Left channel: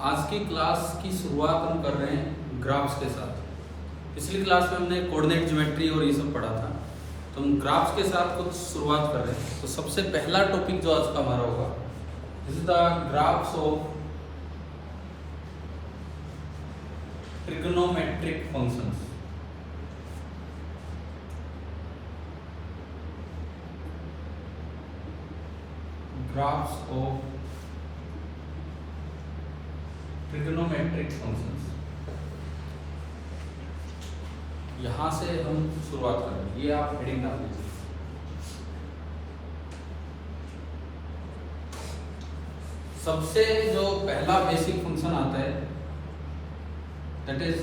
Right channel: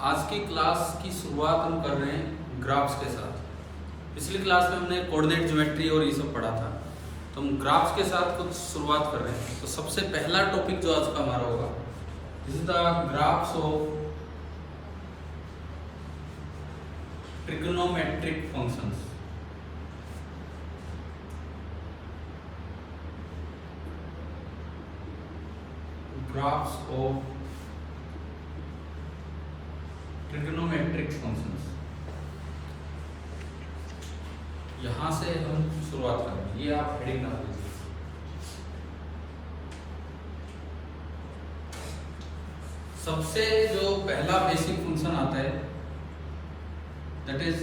आज की क्लास की शुरुआत हम कर रहे हैं ग्राफ्स के साथ। पिछली क्लास में हमने कोऑर्डिनेट ज्योमेट्री और ये सब पढ़ा था, तो हम ग्राफ्स के साथ कुछ शुरुआत कर रहे हैं। तो सबसे पहला टॉपिक जो आज का हमारा होगा, this is the graphs of trigonometric functions. Graphs of trigonometric functions, यहां से हम शुरुआत करेंगे। ये आप हेडिंग डाल दीजिए। सबसे जो पहला बेसिक फंक्शन आता है दैट इज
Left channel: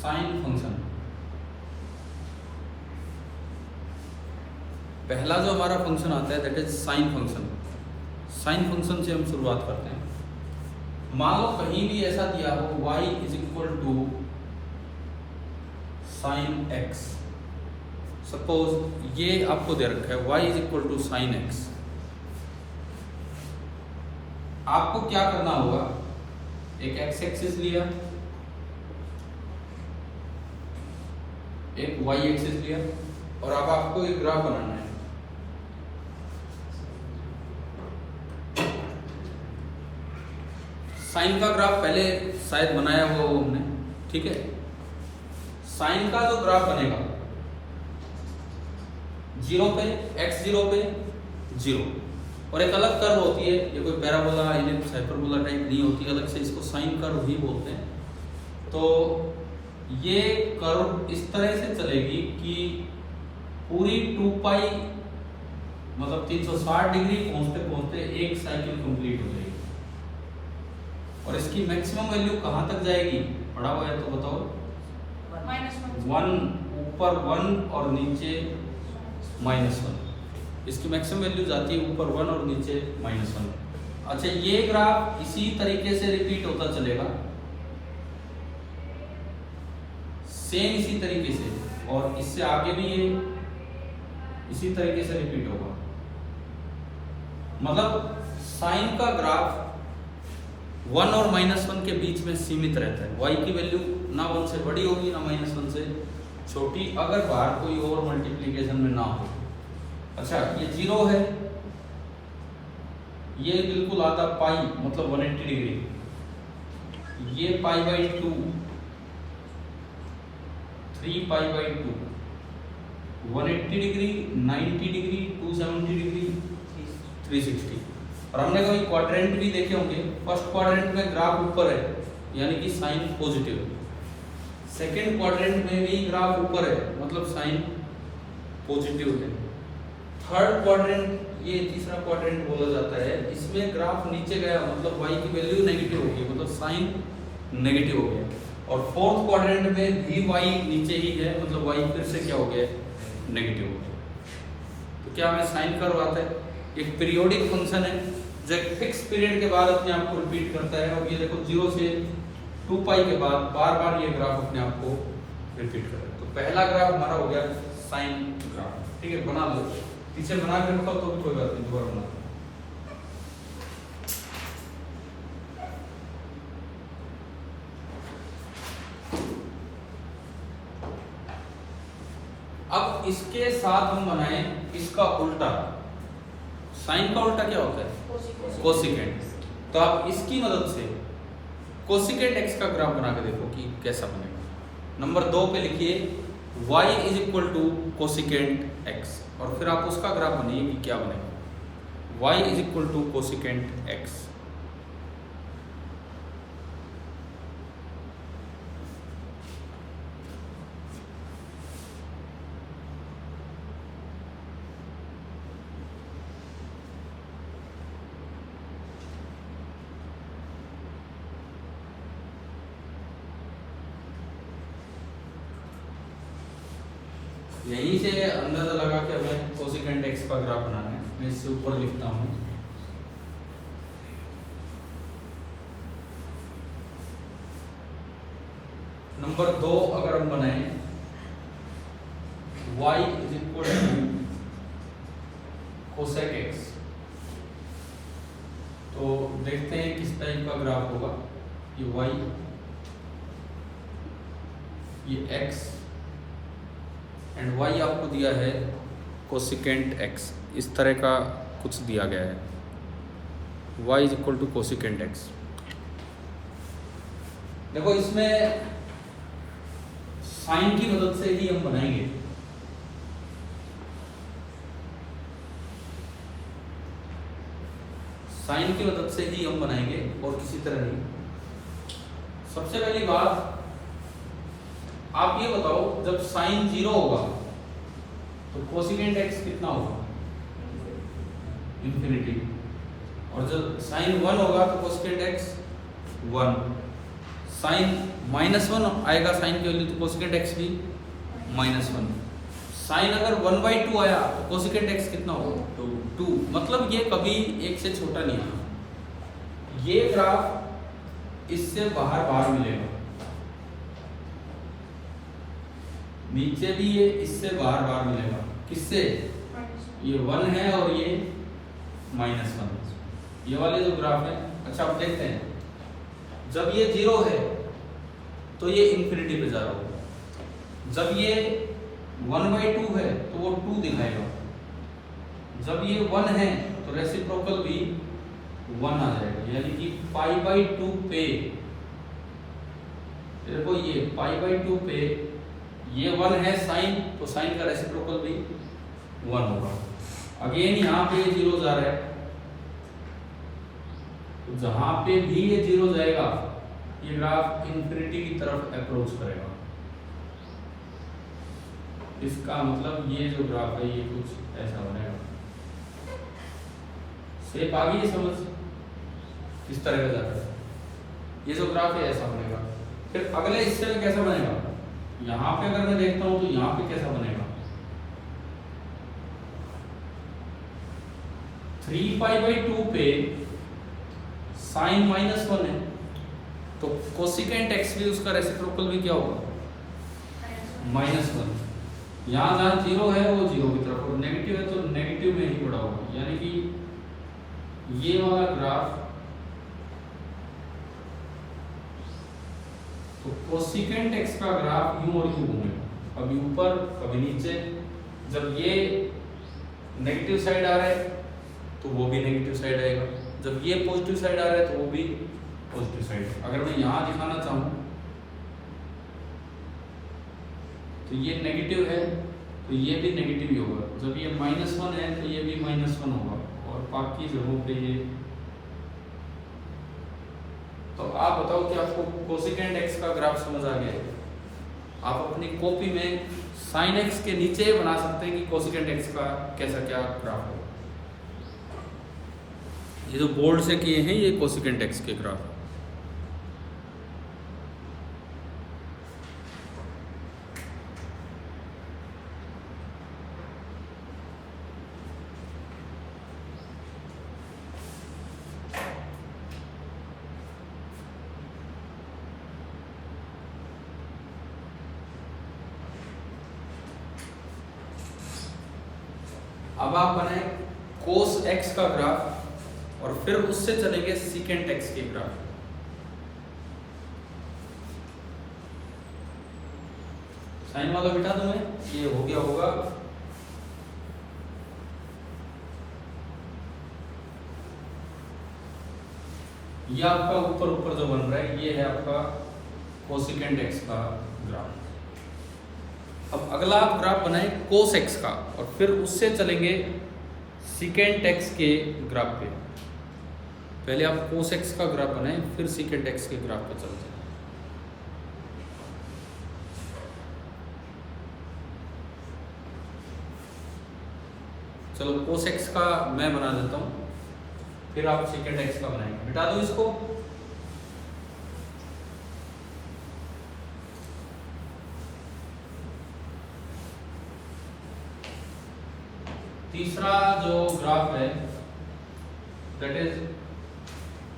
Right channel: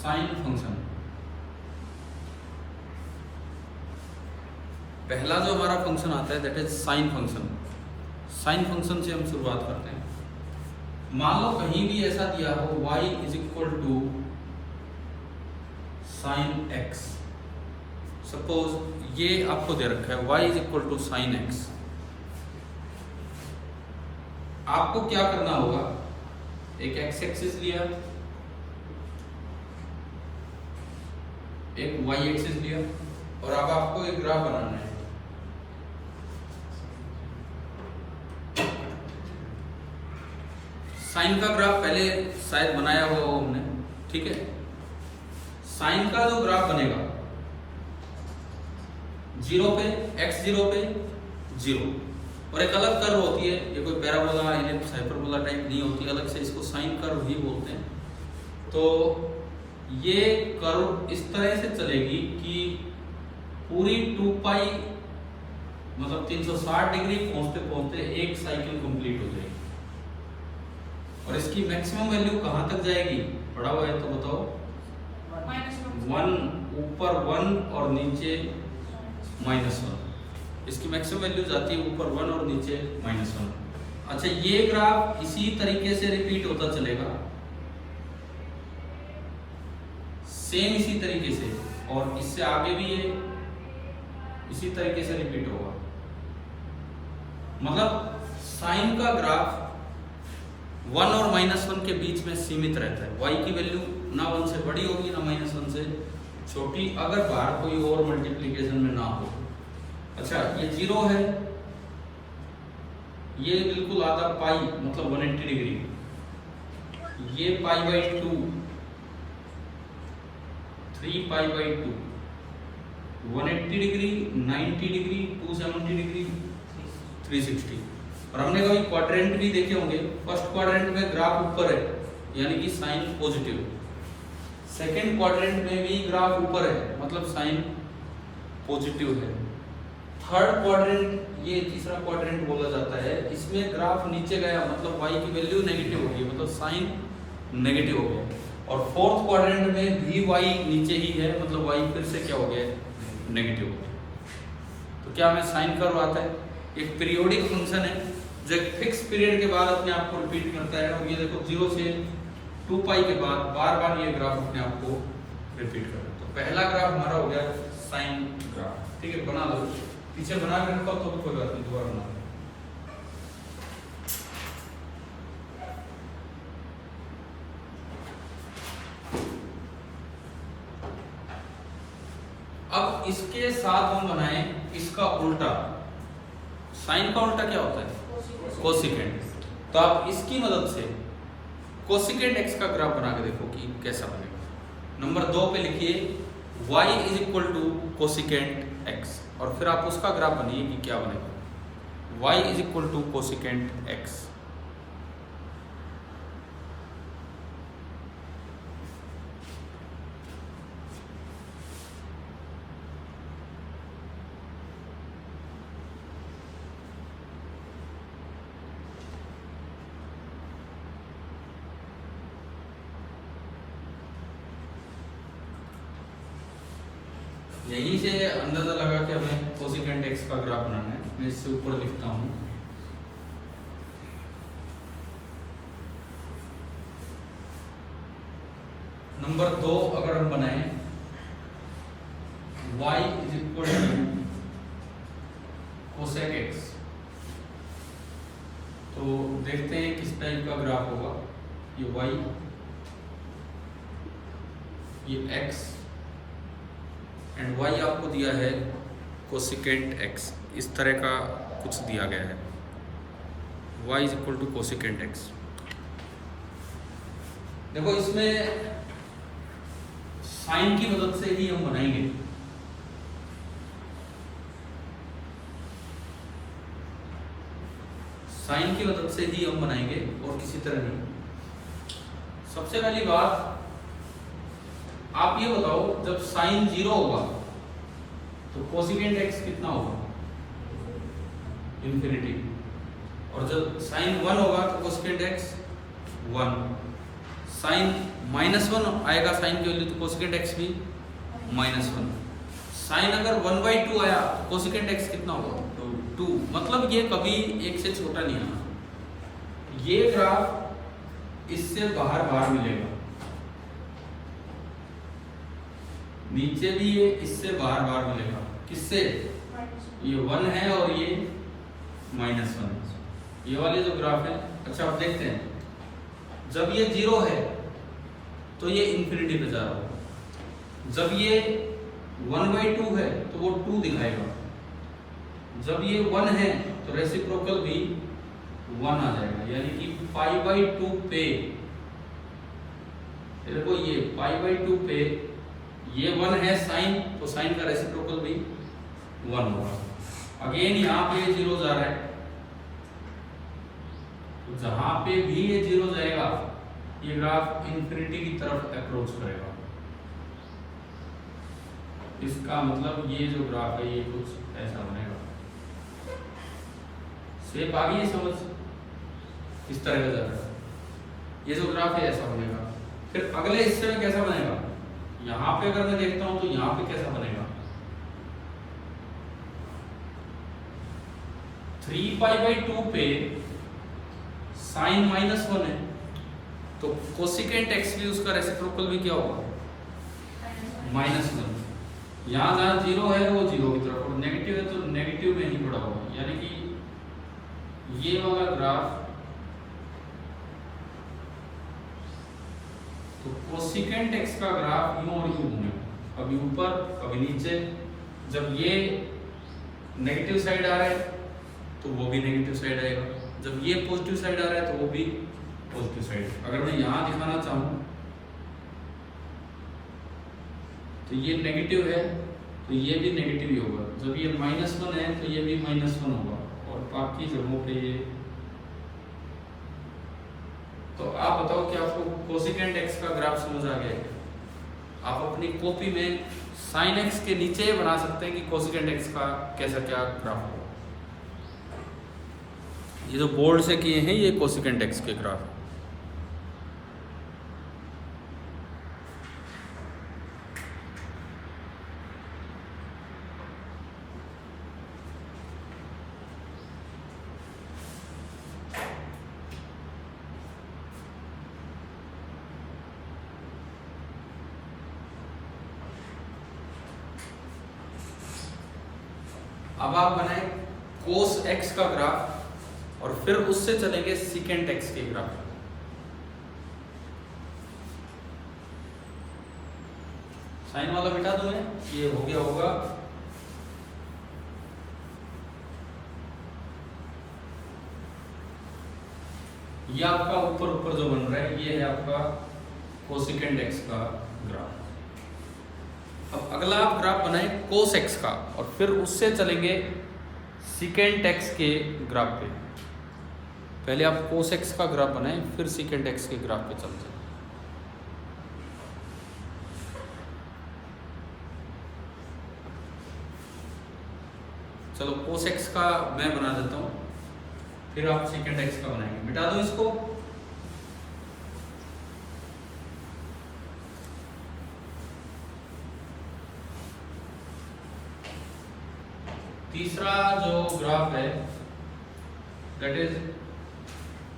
साइन फंक्शन। पहला जो हमारा फंक्शन आता है that is sine function. Sine function से हम शुरुआत करते हैं। मान लो कहीं भी ऐसा दिया हो y is equal to sine x। Suppose ये आपको दे रखा है y is equal to sine x। आपको क्या करना होगा, एक x एक्सिस लिया, एक y एक्सिस लिया, और अब आपको एक ग्राफ बनाना है। साइन का ग्राफ पहले शायद बनाया हुआ हो हमने, ठीक है। साइन का जो ग्राफ बनेगा, जीरो पे x जीरो पे जीरो, और एक अलग कर्व होती है, ये कोई पैराबोला इलिप्स हाइपरबोला टाइप नहीं होती, अलग से इसको साइन कर्व ही बोलते हैं। तो ये कर्व इस तरह से चलेगी कि पूरी 2 पाई मतलब 360 डिग्री पहुंचते पहुंचते एक साइकिल कंप्लीट हो जाएगी। और इसकी मैक्सिमम वैल्यू कहां तक जाएगी, पढ़ा हुआ है तो बताओ। 1 ऊपर 1 और नीचे -1। इसकी मैक्सिमम वैल्यू जाती है ऊपर 1 और नीचे -1। अच्छा, ये ग्राफ इसी तरीके से रिपीट होता चलेगा, सेम इसी तरीके से, और इससे आगे भी ये इसी तरीके से रिपीट होगा। मतलब साइन का ग्राफ 1 और -1 के बीच में सीमित रहता है। y की वैल्यू ना 1 से बड़ी होगी ना -1 से छोटी, अगर बाहर कोई और मल्टीप्लीकेशन में ना हो। अच्छा, ये 0 है, ये बिल्कुल आधा पाई मतलब 180 डिग्री, ये π/2, 3π/2, 180 डिग्री, 90 डिग्री, 270 डिग्री, 360। और हमने कभी क्वाड्रेंट भी देखे होंगे। फर्स्ट क्वाड्रेंट में ग्राफ ऊपर है, यानी कि साइन पॉजिटिव है। सेकेंड क्वाड्रेंट में भी ग्राफ ऊपर है, मतलब साइन पॉजिटिव है। थर्ड क्वाड्रेंट, ये तीसरा क्वाड्रेंट बोला जाता है, इसमें ग्राफ नीचे गया, मतलब y की वैल्यू नेगेटिव होगी, मतलब साइन नेगेटिव हो गया। और फोर्थ क्वाड्रेंट में भी y नीचे ही है, मतलब y फिर से क्या हो गया, नेगेटिव हो गया। तो क्या हमें साइन कर्व आता है। एक पीरियोडिक फंक्शन है जो एक फिक्स पीरियड के बाद अपने आप को रिपीट करता है, और ये देखो 0 से 2 पाई के बाद बार बार ये ग्राफ अपने आप को रिपीट कर रहा है। तो पहला ग्राफ हमारा हो गया साइन ग्राफ, ठीक है। बना लो, पीछे बना के रखो तो भी कोई बात नहीं, दोबारा बना। अब इसके साथ हम बनाए इसका उल्टा। साइन का उल्टा क्या होता है, कोसिकेंट। तो आप इसकी मदद से कोसिकेंट x का ग्राफ बना के देखो कि कैसा बनेगा। नंबर 2 पे लिखिए y is equal to cosecant x, और फिर आप उसका ग्राफ बनाइए कि क्या बनेगा। y is equal to cosecant x। यहीं से अंदाजा लगा के हमें कोसिकेंट x का ग्राफ बनाना है। मैं इससे ऊपर लिखता हूं, नंबर 2 अगर हम बनाए y is equal to cosec x, तो तो देखते हैं किस टाइप का ग्राफ होगा। ये y, ये x एंड y आपको दिया है कोसिकेंट x, इस तरह का कुछ दिया गया है। y is equal to cosecant x। देखो इसमें साइन की मदद से ही हम बनाएंगे। साइन की मदद से ही हम बनाएंगे और किसी तरह नहीं। सबसे पहली बात आप ये बताओ, जब साइन 0 होगा तो कोसिकेंट x कितना होगा? इंफिनिटी। और जब साइन 1 होगा तो कोसिकेंट x 1। साइन -1 आएगा साइन की वैल्यू, तो कोसिकेंट x भी -1। साइन अगर 1/2 आया तो कोसिकेंट x कितना होगा? 2। मतलब ये कभी 1 से छोटा नहीं आना। ये ग्राफ इससे बाहर मिलेगा, नीचे भी ये इससे बाहर मिलेगा। किससे? ये 1 है और ये -1, ये वाले जो ग्राफ है। अच्छा अब देखते हैं, जब ये 0 है तो ये इंफिनिटी पे जा रहा होगा। जब ये 1/2 है तो वो 2 दिखाएगा। जब ये 1 है तो रेसिप्रोकल भी 1 आ जाएगा, यानी कि π/2 पे, देखो ये π/2 पे ये 1 है साइन, तो साइन का रेसिप्रोकल भी 1 होगा। अगेन यहाँ पे ये 0 जा रहा है, तो जहां पे भी ये 0 जाएगा ये ग्राफ इंफिनिटी की तरफ अप्रोच करेगा। इसका मतलब ये जो ग्राफ है ये कुछ ऐसा बनेगा। शेप आ गई समझ किस तरह का जाएगा? ये जो ग्राफ है ऐसा बनेगा। फिर अगले हिस्से में कैसा बनेगा? यहाँ पे अगर मैं देखता हूं तो यहाँ पे कैसा बनेगा? 3π/2 पे साइन -1 है, तो कोसिकेंट x भी उसका रेसिप्रोकल भी क्या होगा? -1। यहाँ जहाँ 0 है वो 0 की तरफ, और नेगेटिव है तो नेगेटिव में ही पड़ा होगा। यानी कि ये वाला ग्राफ, तो कोसिकेंट x का ग्राफ यूं और यूं घूमेगा, कभी ऊपर कभी नीचे। जब ये नेगेटिव साइड आ रहा है तो वो भी नेगेटिव साइड आएगा, जब ये पॉजिटिव साइड आ रहा है तो वो भी पॉजिटिव साइड। अगर मैं यहां दिखाना चाहूं तो ये नेगेटिव है तो ये भी नेगेटिव ही होगा। जब ये -1 है तो ये भी -1 होगा, और बाकी जगहों पे ये। तो आप बताओ कि आपको कोसिकेंट x का ग्राफ समझ आ गया है? आप अपनी कॉपी में साइन x के नीचे बना सकते हैं कि कोसिकेंट x का कैसा क्या ग्राफ होगा। ये जो बोर्ड से किए हैं ये कोसिकेंट x के ग्राफ। अब आप बनाए कोस x का ग्राफ और फिर उससे चलेंगे सीकेंट x के ग्राफ। साइन वाला बिठा दूं मैं, ये हो गया होगा ये आपका ऊपर जो बन रहा है ये है आपका कोसिकेंट x का ग्राफ। अब अगला आप ग्राफ बनाए कोस x का और फिर उससे चलेंगे सीकेंट x के ग्राफ पे। पहले आप कोस x का ग्राफ बनाए फिर सीकेंट x के ग्राफ पे चलते हैं। चलो कोस x का मैं बना देता हूं, फिर आप सीकेंट x का बनाएंगे। मिटा दो इसको। तीसरा जो ग्राफ है दैट इज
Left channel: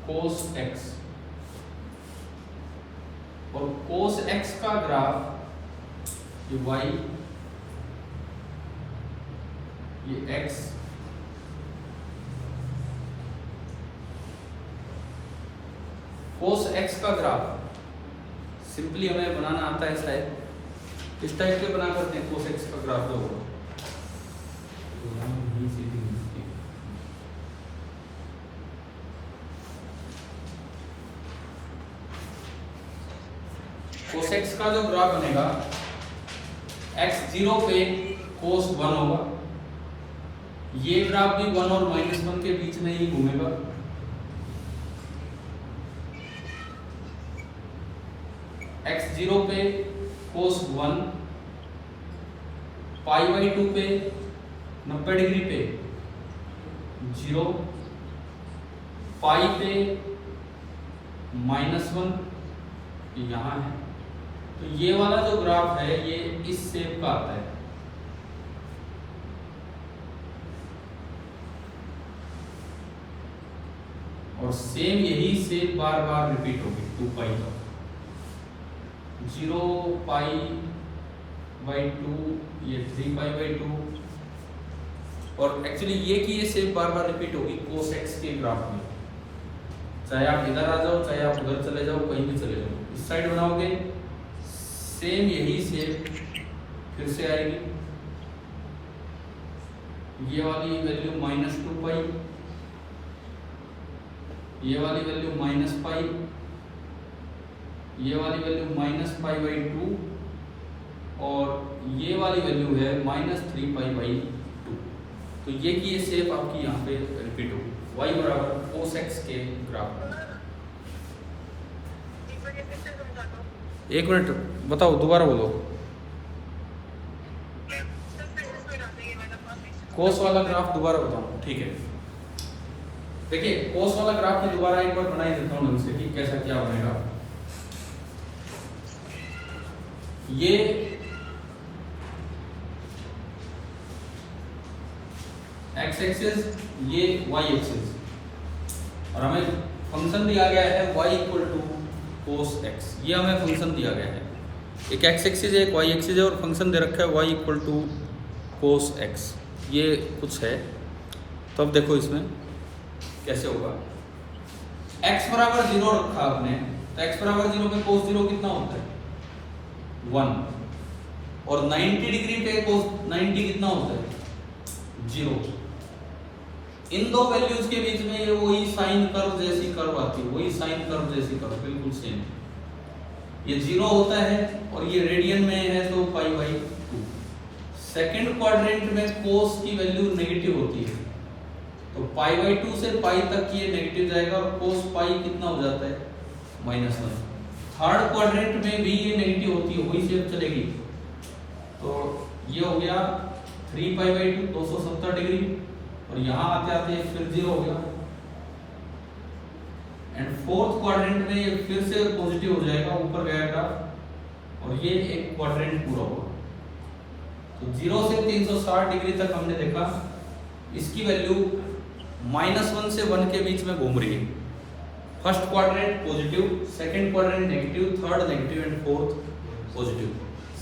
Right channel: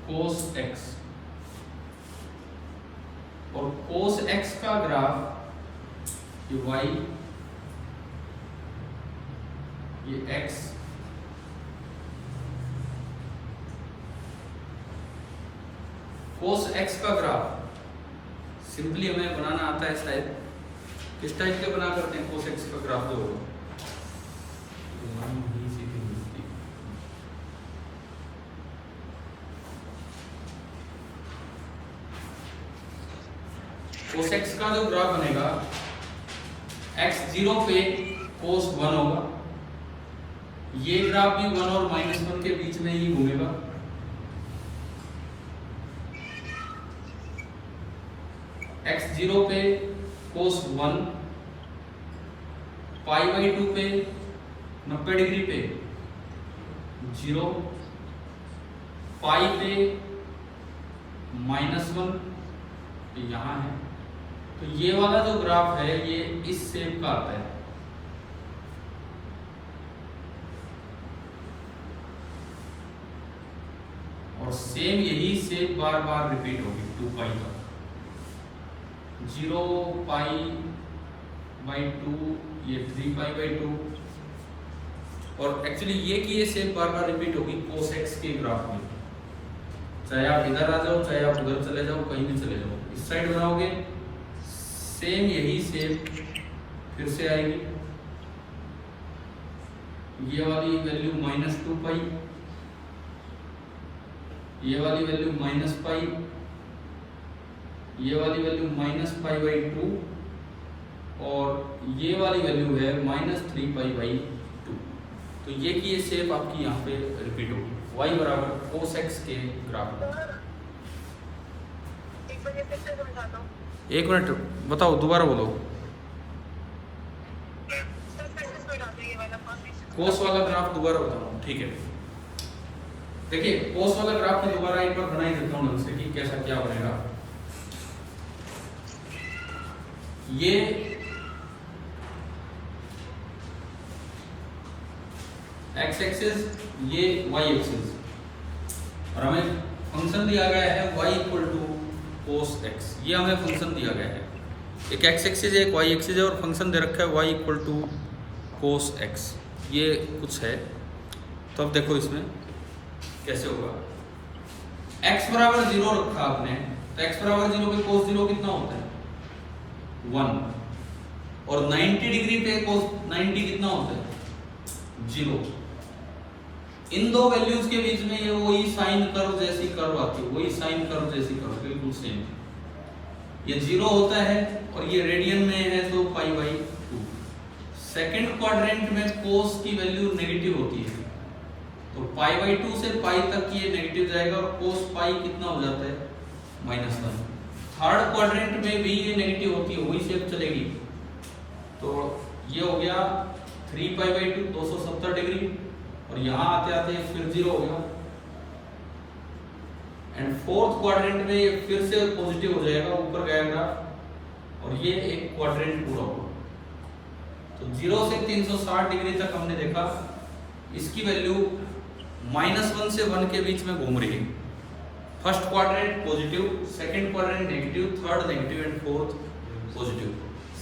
कोस x, और कोस x का ग्राफ ये y, ये x कोस एक्स का ग्राफ सिंपली हमें बनाना आता है शायद, इस टाइप के बना करते हैं कोस एक्स का ग्राफ जो होगा। कोस एक्स का जो ग्राफ बनेगा, x0 पे कोस 1 होगा, ये ग्राफ भी 1 और -1 के बीच में ही घूमेगा। x0 पे कोस 1, π/2 पे 90 डिग्री पे 0, पाई पे -1 यहाँ है। तो ये वाला जो ग्राफ है ये इस शेप का आता है। और सेम यही शेप बार बार रिपीट होगी 2 पाई तक। 0 π/2, ये 3 π/2, और एक्चुअली ये शेप बार बार रिपीट होगी कोस एक्स के ग्राफ में। चाहे आप इधर आ जाओ, चाहे आप उधर चले जाओ, कहीं भी चले जाओ, इस साइड बनाओगे सेम यही शेप फिर से आएगी। ये वाली वैल्यू -2 पाई, ये वाली वैल्यू -π, ये वाली वैल्यू -π/2, और ये वाली वैल्यू है -3 π/2। तो ये की ये शेप आपकी यहाँ पे रिपीट होगी y बराबर कोस एक्स के ग्राफ में। एक मिनट बताओ, दोबारा बोलो। कोस वाला ग्राफ दोबारा बताओ, ठीक है। देखिए कोस वाला ग्राफ में दोबारा एक बार बना ही देता हूँ उससे कि कैसा क्या बनेगा। ये x एक्सिस, ये y एक्सिस, और हमें फंक्शन दिया गया है y = cos x। ये हमें फंक्शन दिया गया है, एक x एक्सिस है एक y एक्सिस है, और फंक्शन दे रखा है y = cos x। ये कुछ है। तो अब देखो इसमें कैसे होगा। x बराबर 0 रखा आपने, तो x बराबर 0 पे cos 0 कितना होता है 1, और 90 डिग्री पे cos 90 कितना होता है 0। इन दो वैल्यूज के बीच में ये वही साइन कर्व जैसी कर्व आती है, वही साइन कर्व जैसी कर्व, बिल्कुल सेम। ये 0 होता है और ये रेडियन में है तो π/2। सेकंड क्वाड्रेंट में कोस की वैल्यू नेगेटिव होती है, तो π/2 से π तक ये नेगेटिव जाएगा, और कोस π कितना हो जाता है -1। थर्ड क्वाड्रेंट में भी ये नेगेटिव होती है, वही शेप चलेगी। तो ये हो गया 3 π/2 270 डिग्री, और यहाँ आते आते फिर 0 हो गया। एंड फोर्थ क्वाड्रेंट में ये फिर से पॉजिटिव हो जाएगा, ऊपर गएगा, और ये एक क्वाड्रेंट पूरा होगा। तो 0 से 360 डिग्री तक हमने देखा, इसकी वैल्यू -1 से 1 के बीच में घूम रही है। First quadrant positive, second quadrant negative, third negative, and fourth positive.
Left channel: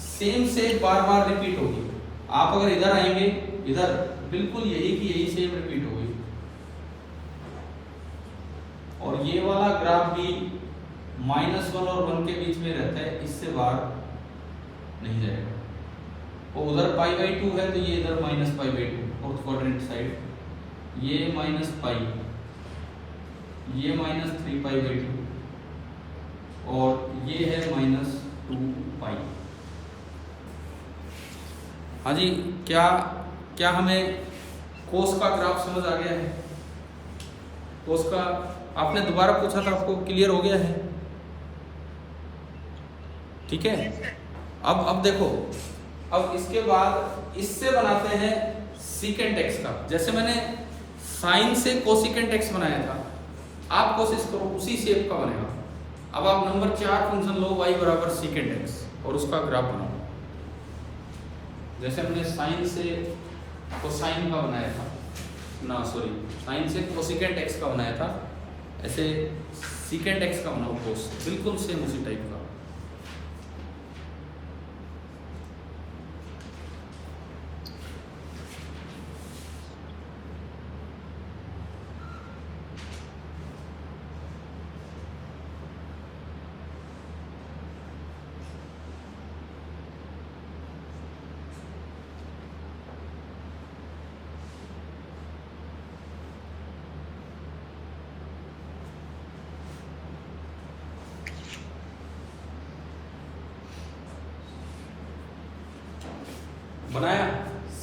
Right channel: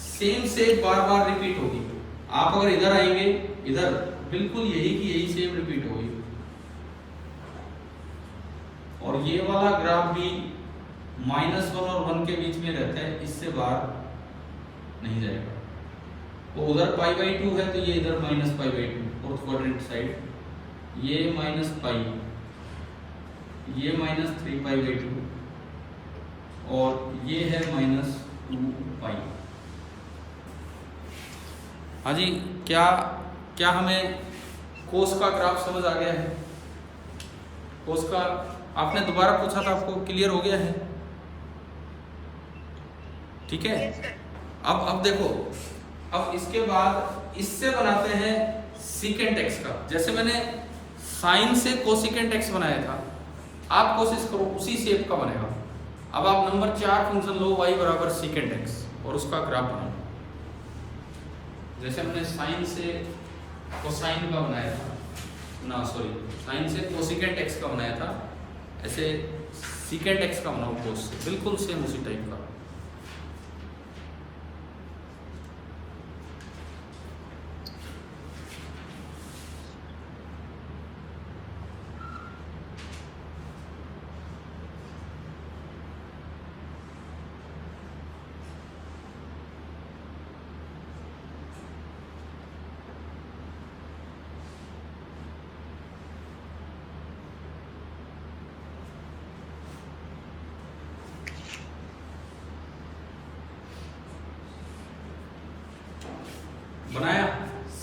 Same shape bar bar repeat होगी। आप अगर इधर आएंगे, इधर बिल्कुल यही की यही सेम रिपीट होगी, और ये वाला ग्राफ भी -1 और 1 के बीच में रहता है, इससे बाहर नहीं जाएगा। और उधर π/2 है तो ये इधर -π/2 फोर्थ क्वाड्रेंट साइड, ये -π, ये -3 π/2, और ये है -2 π। हाँ जी, क्या हमें कोस का ग्राफ समझ आ गया है? कोस का आपने दोबारा पूछा था, आपको क्लियर हो गया है? ठीक है। अब देखो, अब इसके बाद इससे बनाते हैं सीकेंट एक्स का। जैसे मैंने साइन से कोसिकेंट एक्स बनाया था, आप कोशिश करो उसी शेप का बनेगा। अब आप नंबर 4 फंक्शन लो y बराबर सीकेंट एक्स, और उसका ग्राफ बनाओ। जैसे हमने साइन से कोसाइन का बनाया था, ना सॉरी, साइन से कोसिकेंट एक्स का बनाया था, ऐसे सीकेंट एक्स का बनाओ कोस से, बिल्कुल सेम उसी टाइप का।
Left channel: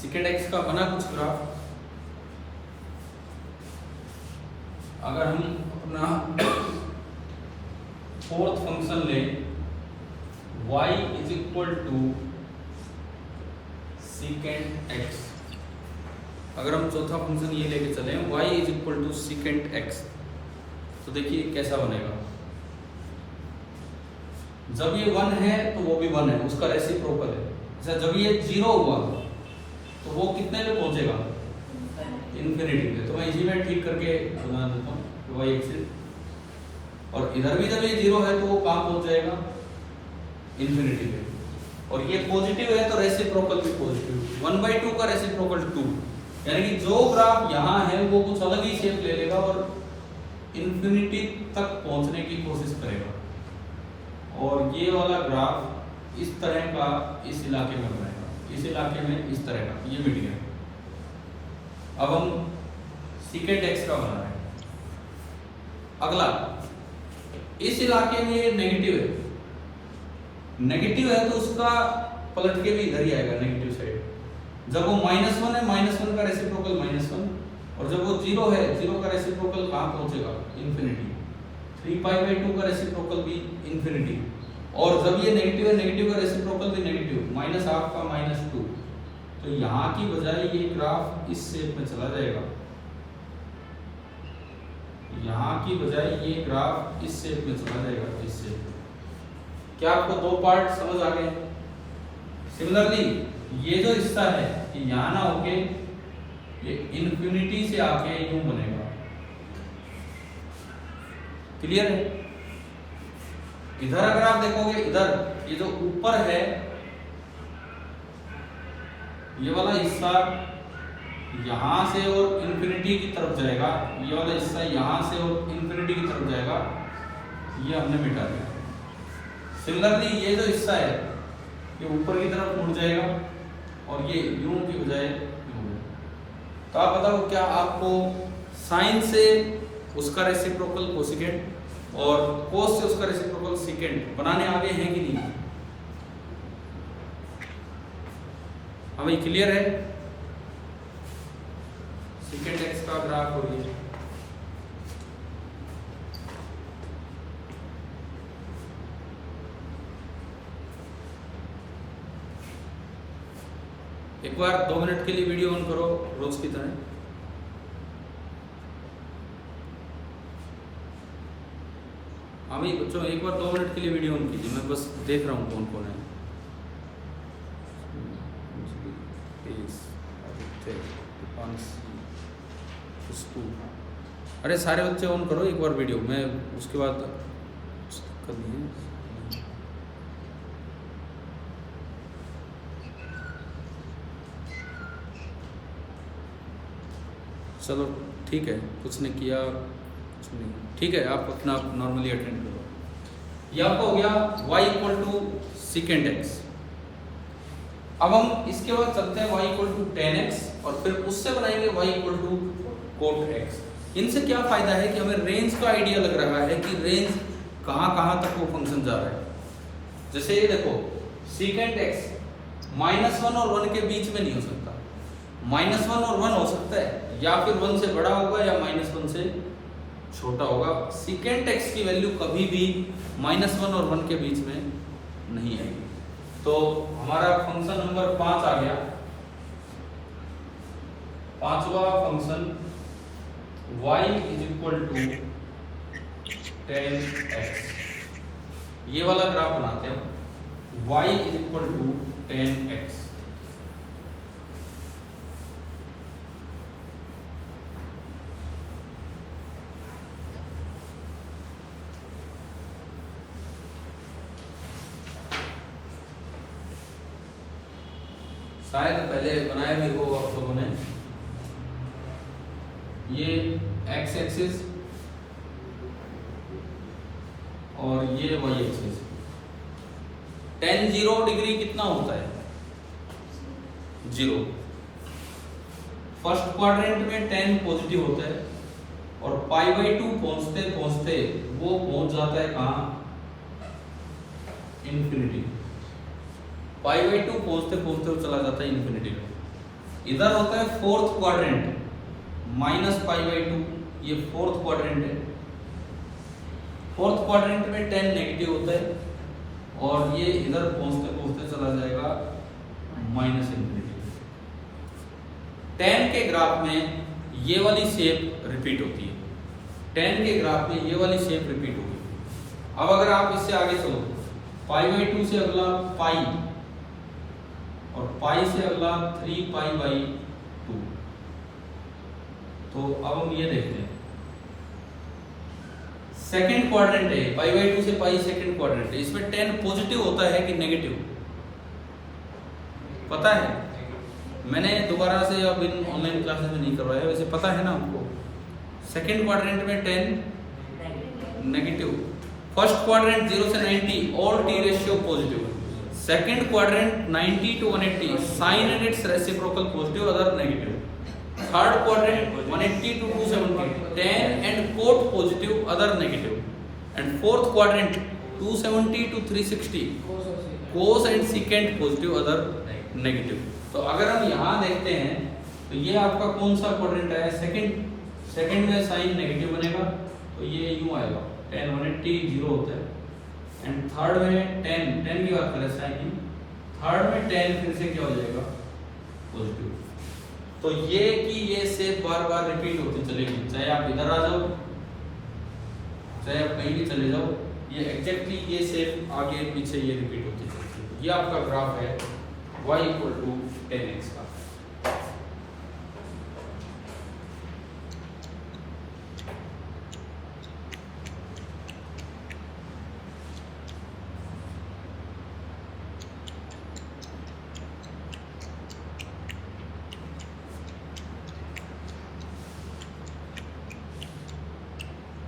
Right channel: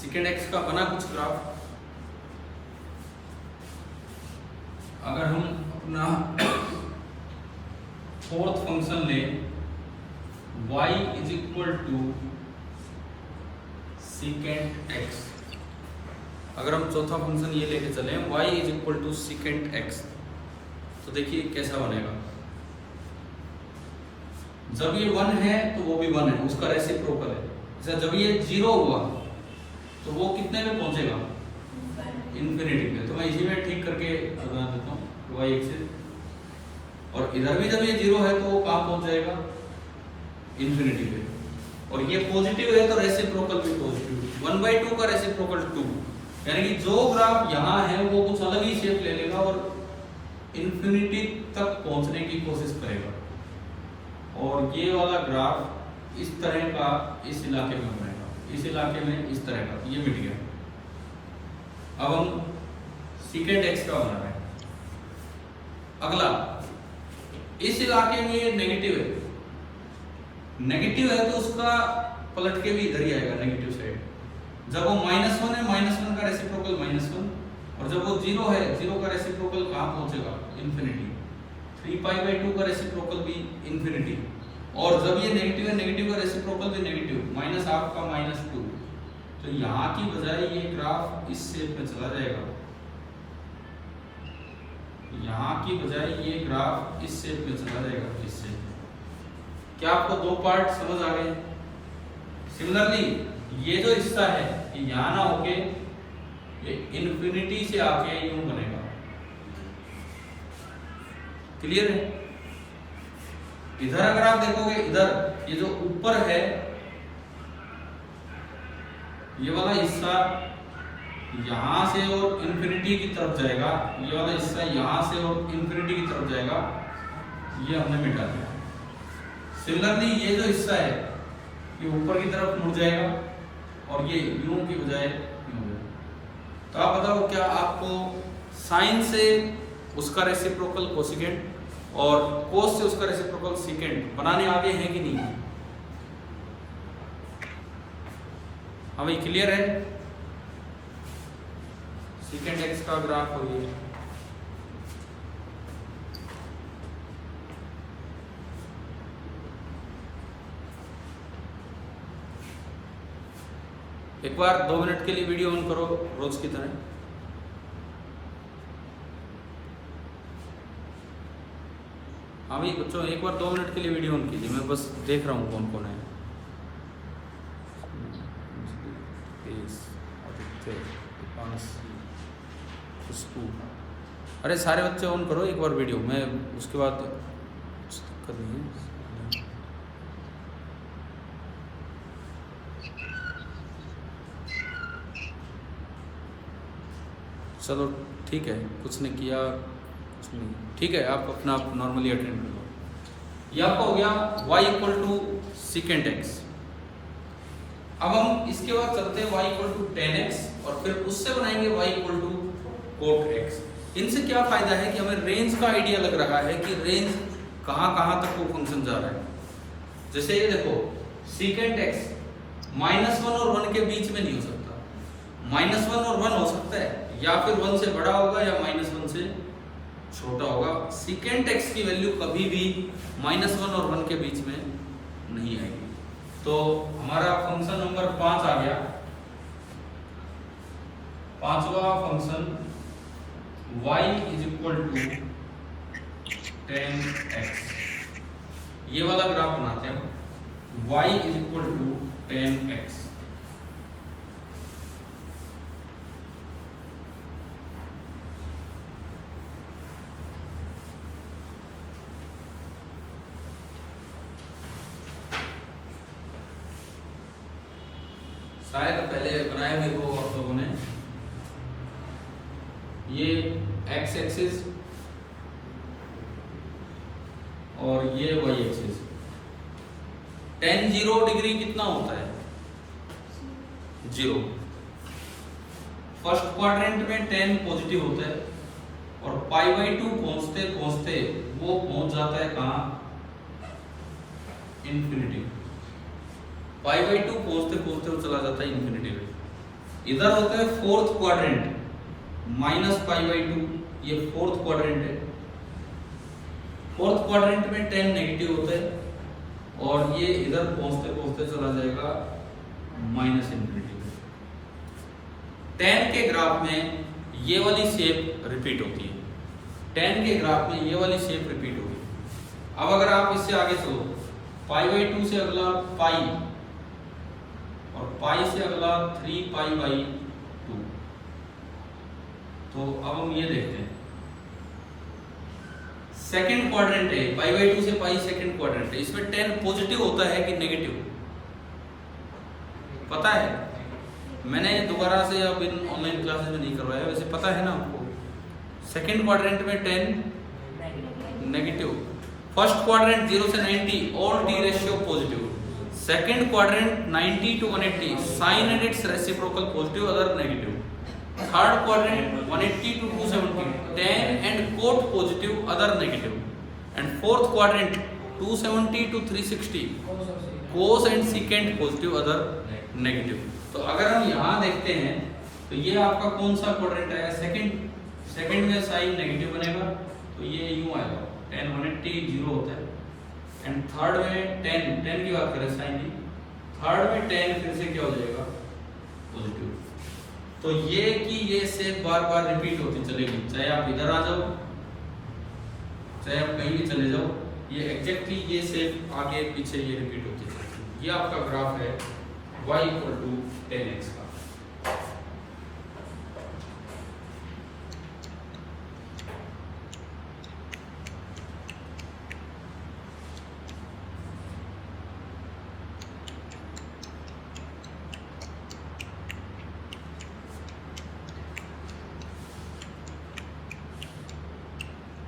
सीकेंट एक्स का बना कुछ ग्राफ। अगर हम अपना फोर्थ फंक्शन लें y is equal to secant x, अगर हम चौथा फंक्शन ये लेके चले y is equal to secant x, तो देखिए कैसा बनेगा। जब ये 1 है तो वो भी 1 है, उसका रेसिप्रोकल है। जैसे जब ये 0 हुआ तो वो कितने पे पहुंचेगा, इन्फिनिटी पे। तो मैं इसी में ठीक करके बता देता हूँ y एक्सिस, और इधर भी जब ये 0 है तो वो कहाँ पहुंच जाएगा, इन्फिनिटी पे। और ये पॉजिटिव है तो रेसिप्रोकल भी पॉजिटिव, 1/2 का रेसिप्रोकल 2, यानी कि जो ग्राफ यहाँ है वो कुछ अलग ही शेप ले लेगा और इन्फिनिटी तक पहुंचने की कोशिश करेगा। और ये वाला ग्राफ इस तरह का इस इलाके में बनेगा, इस इलाके में इस तरह का, ये मिट गया। अब हम सीकेंट एक्स का बना रहे हैं। अगला, इस इलाके में ये नेगेटिव है, नेगेटिव है तो उसका पलट के भी इधर ही आएगा नेगेटिव साइड। जब वो -1 है, -1 का रेसिप्रोकल -1, और जब वो 0 है, 0 का रेसिप्रोकल कहाँ पहुंचेगा, इन्फिनिटी। 3π/2 का रेसिप्रोकल भी इन्फिनिटी, और जब ये नेगेटिव है, नेगेटिव का रेसिप्रोकल भी नेगेटिव, -1/2 का -2। तो यहाँ की बजाय ये ग्राफ इस शेप में चला जाएगा, यहाँ की बजाय ये ग्राफ इस शेप में चला जाएगा, इस शेप में। क्या आपको दो पार्ट समझ आ गए? सिमिलरली ये जो हिस्सा है ये यहाँ ना होके ये इन्फिनिटी से आके यूं बनेगा। क्लियर है? इधर अगर आप देखोगे, इधर ये जो ऊपर है ये वाला हिस्सा यहां से और इन्फिनिटी की तरफ जाएगा, ये वाला हिस्सा यहां से और इन्फिनिटी की तरफ जाएगा, ये हमने मिटा दिया। सिमिलरली ये जो हिस्सा है ये ऊपर की तरफ मुड़ जाएगा और ये यूं की बजाय यूं। तो आप बताओ, क्या आपको साइन से उसका रेसिप्रोकल कोसेकेंट और कोस से उसका रेसिप्रोकल सीकेंट बनाने आगे हैं कि नहीं? हमें क्लियर है? सीकेंट एक्स का ग्राफ हो गया। एक बार 2 मिनट के लिए वीडियो ऑन करो रोज की तरह। अभी बच्चों एक बार 2 मिनट के लिए वीडियो ऑन कीजिए, मैं बस देख रहा हूँ कौन कौन है। अरे सारे बच्चे ऑन करो एक बार वीडियो, मैं उसके बाद कर लूँगी। चलो ठीक है, कुछ ने किया कुछ नहीं, ठीक है, आप अपना नॉर्मली अटेंड करो। ये आपका हो गया y equal to secant x. अब हम इसके बाद चलते हैं y equal to tan x और फिर उससे बनाएंगे y equal to cot x. इनसे क्या फायदा है कि हमें रेंज का आइडिया लग रहा है कि रेंज कहाँ कहाँ तक वो फंक्शन जा रहा है। जैसे ये देखो, सीकेंट एक्स -1 और 1 के बीच में नहीं हो सकता, -1 और 1 हो सकता है, या फिर 1 से बड़ा होगा या -1 से छोटा होगा। सीकेंट एक्स की वैल्यू कभी भी -1 और 1 के बीच में नहीं आएगी। तो हमारा फंक्शन नंबर 5 आ गया। पांचवा function y is equal to 10x। ये वाला ग्राफ बनाते हैं हम, y is equal to 10x। शायद पहले बनाए भी वो आप लोगों ने। ये x एक्सिस और ये y एक्सिस। tan 0 डिग्री कितना होता है? 0। फर्स्ट क्वाड्रेंट में tan पॉजिटिव होता है और π/2 पहुंचते पहुंचते वो पहुंच जाता है कहां? इन्फिनिटी। π/2 पहुंचते पहुंचते वो चला जाता है इन्फिनिटी में। इधर होता है फोर्थ क्वाड्रेंट -π/2, ये फोर्थ क्वाड्रेंट है। फोर्थ क्वाड्रेंट में 10 नेगेटिव होता है और ये इधर पहुंचते पहुंचते चला जाएगा -∞। 10 के ग्राफ में ये वाली शेप रिपीट होती है, 10 के ग्राफ में ये वाली शेप रिपीट होगी। अब अगर आप इससे आगे चलो, π/2 से अगला पाई और पाई से अगला 3π/2, तो अब हम ये देखते हैं सेकंड क्वाड्रेंट है, π/2 से पाई सेकंड क्वाड्रेंट है। इसमें 10 पॉजिटिव होता है कि नेगेटिव पता है? मैंने दोबारा से अब इन ऑनलाइन क्लासेस में नहीं करवाया, वैसे पता है ना आपको। सेकंड क्वाड्रेंट में 10 नेगेटिव, फर्स्ट क्वाड्रेंट 0 से 90 all T ratio positive, second quadrant 90 to 180 sine and its reciprocal positive other negative, third quadrant 180 to 270 10 and cot positive other negative, and fourth quadrant 270 to 360 cos and secant positive other negative. तो अगर हम यहाँ देखते हैं तो ये आपका कौन सा क्वाड्रेंट है? सेकंड में साइन नेगेटिव बनेगा तो ये यूं आएगा 10 180 0 होता है, एंड थर्ड में 10 की बात करें साइन नहीं, थर्ड में 10 फिर से क्या हो जाएगा? पॉजिटिव। तो ये कि ये शेप बार बार रिपीट होती चलेगी, चाहे आप इधर आ जाओ चाहे आप कहीं भी चले जाओ, ये एग्जैक्टली ये शेप आगे पीछे ये रिपीट होती चलेगी। ये आपका ग्राफ है y = 10x का।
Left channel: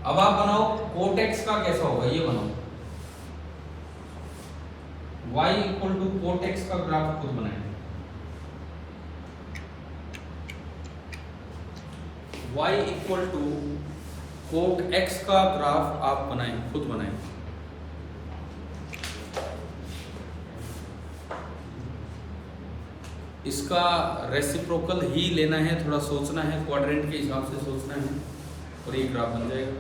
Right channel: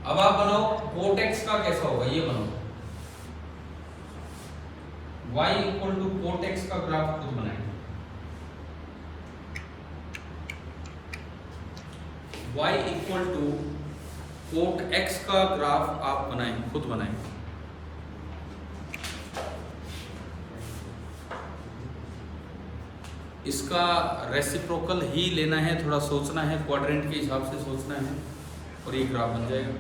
अब आप बनाओ cot x का कैसा होगा, ये बनाओ y = cot x का ग्राफ खुद बनाएं। y = cot x का ग्राफ आप बनाएं, खुद बनाएं। इसका रेसिप्रोकल ही लेना है, थोड़ा सोचना है, क्वाड्रेंट के हिसाब से सोचना है और ये ग्राफ बन जाएगा।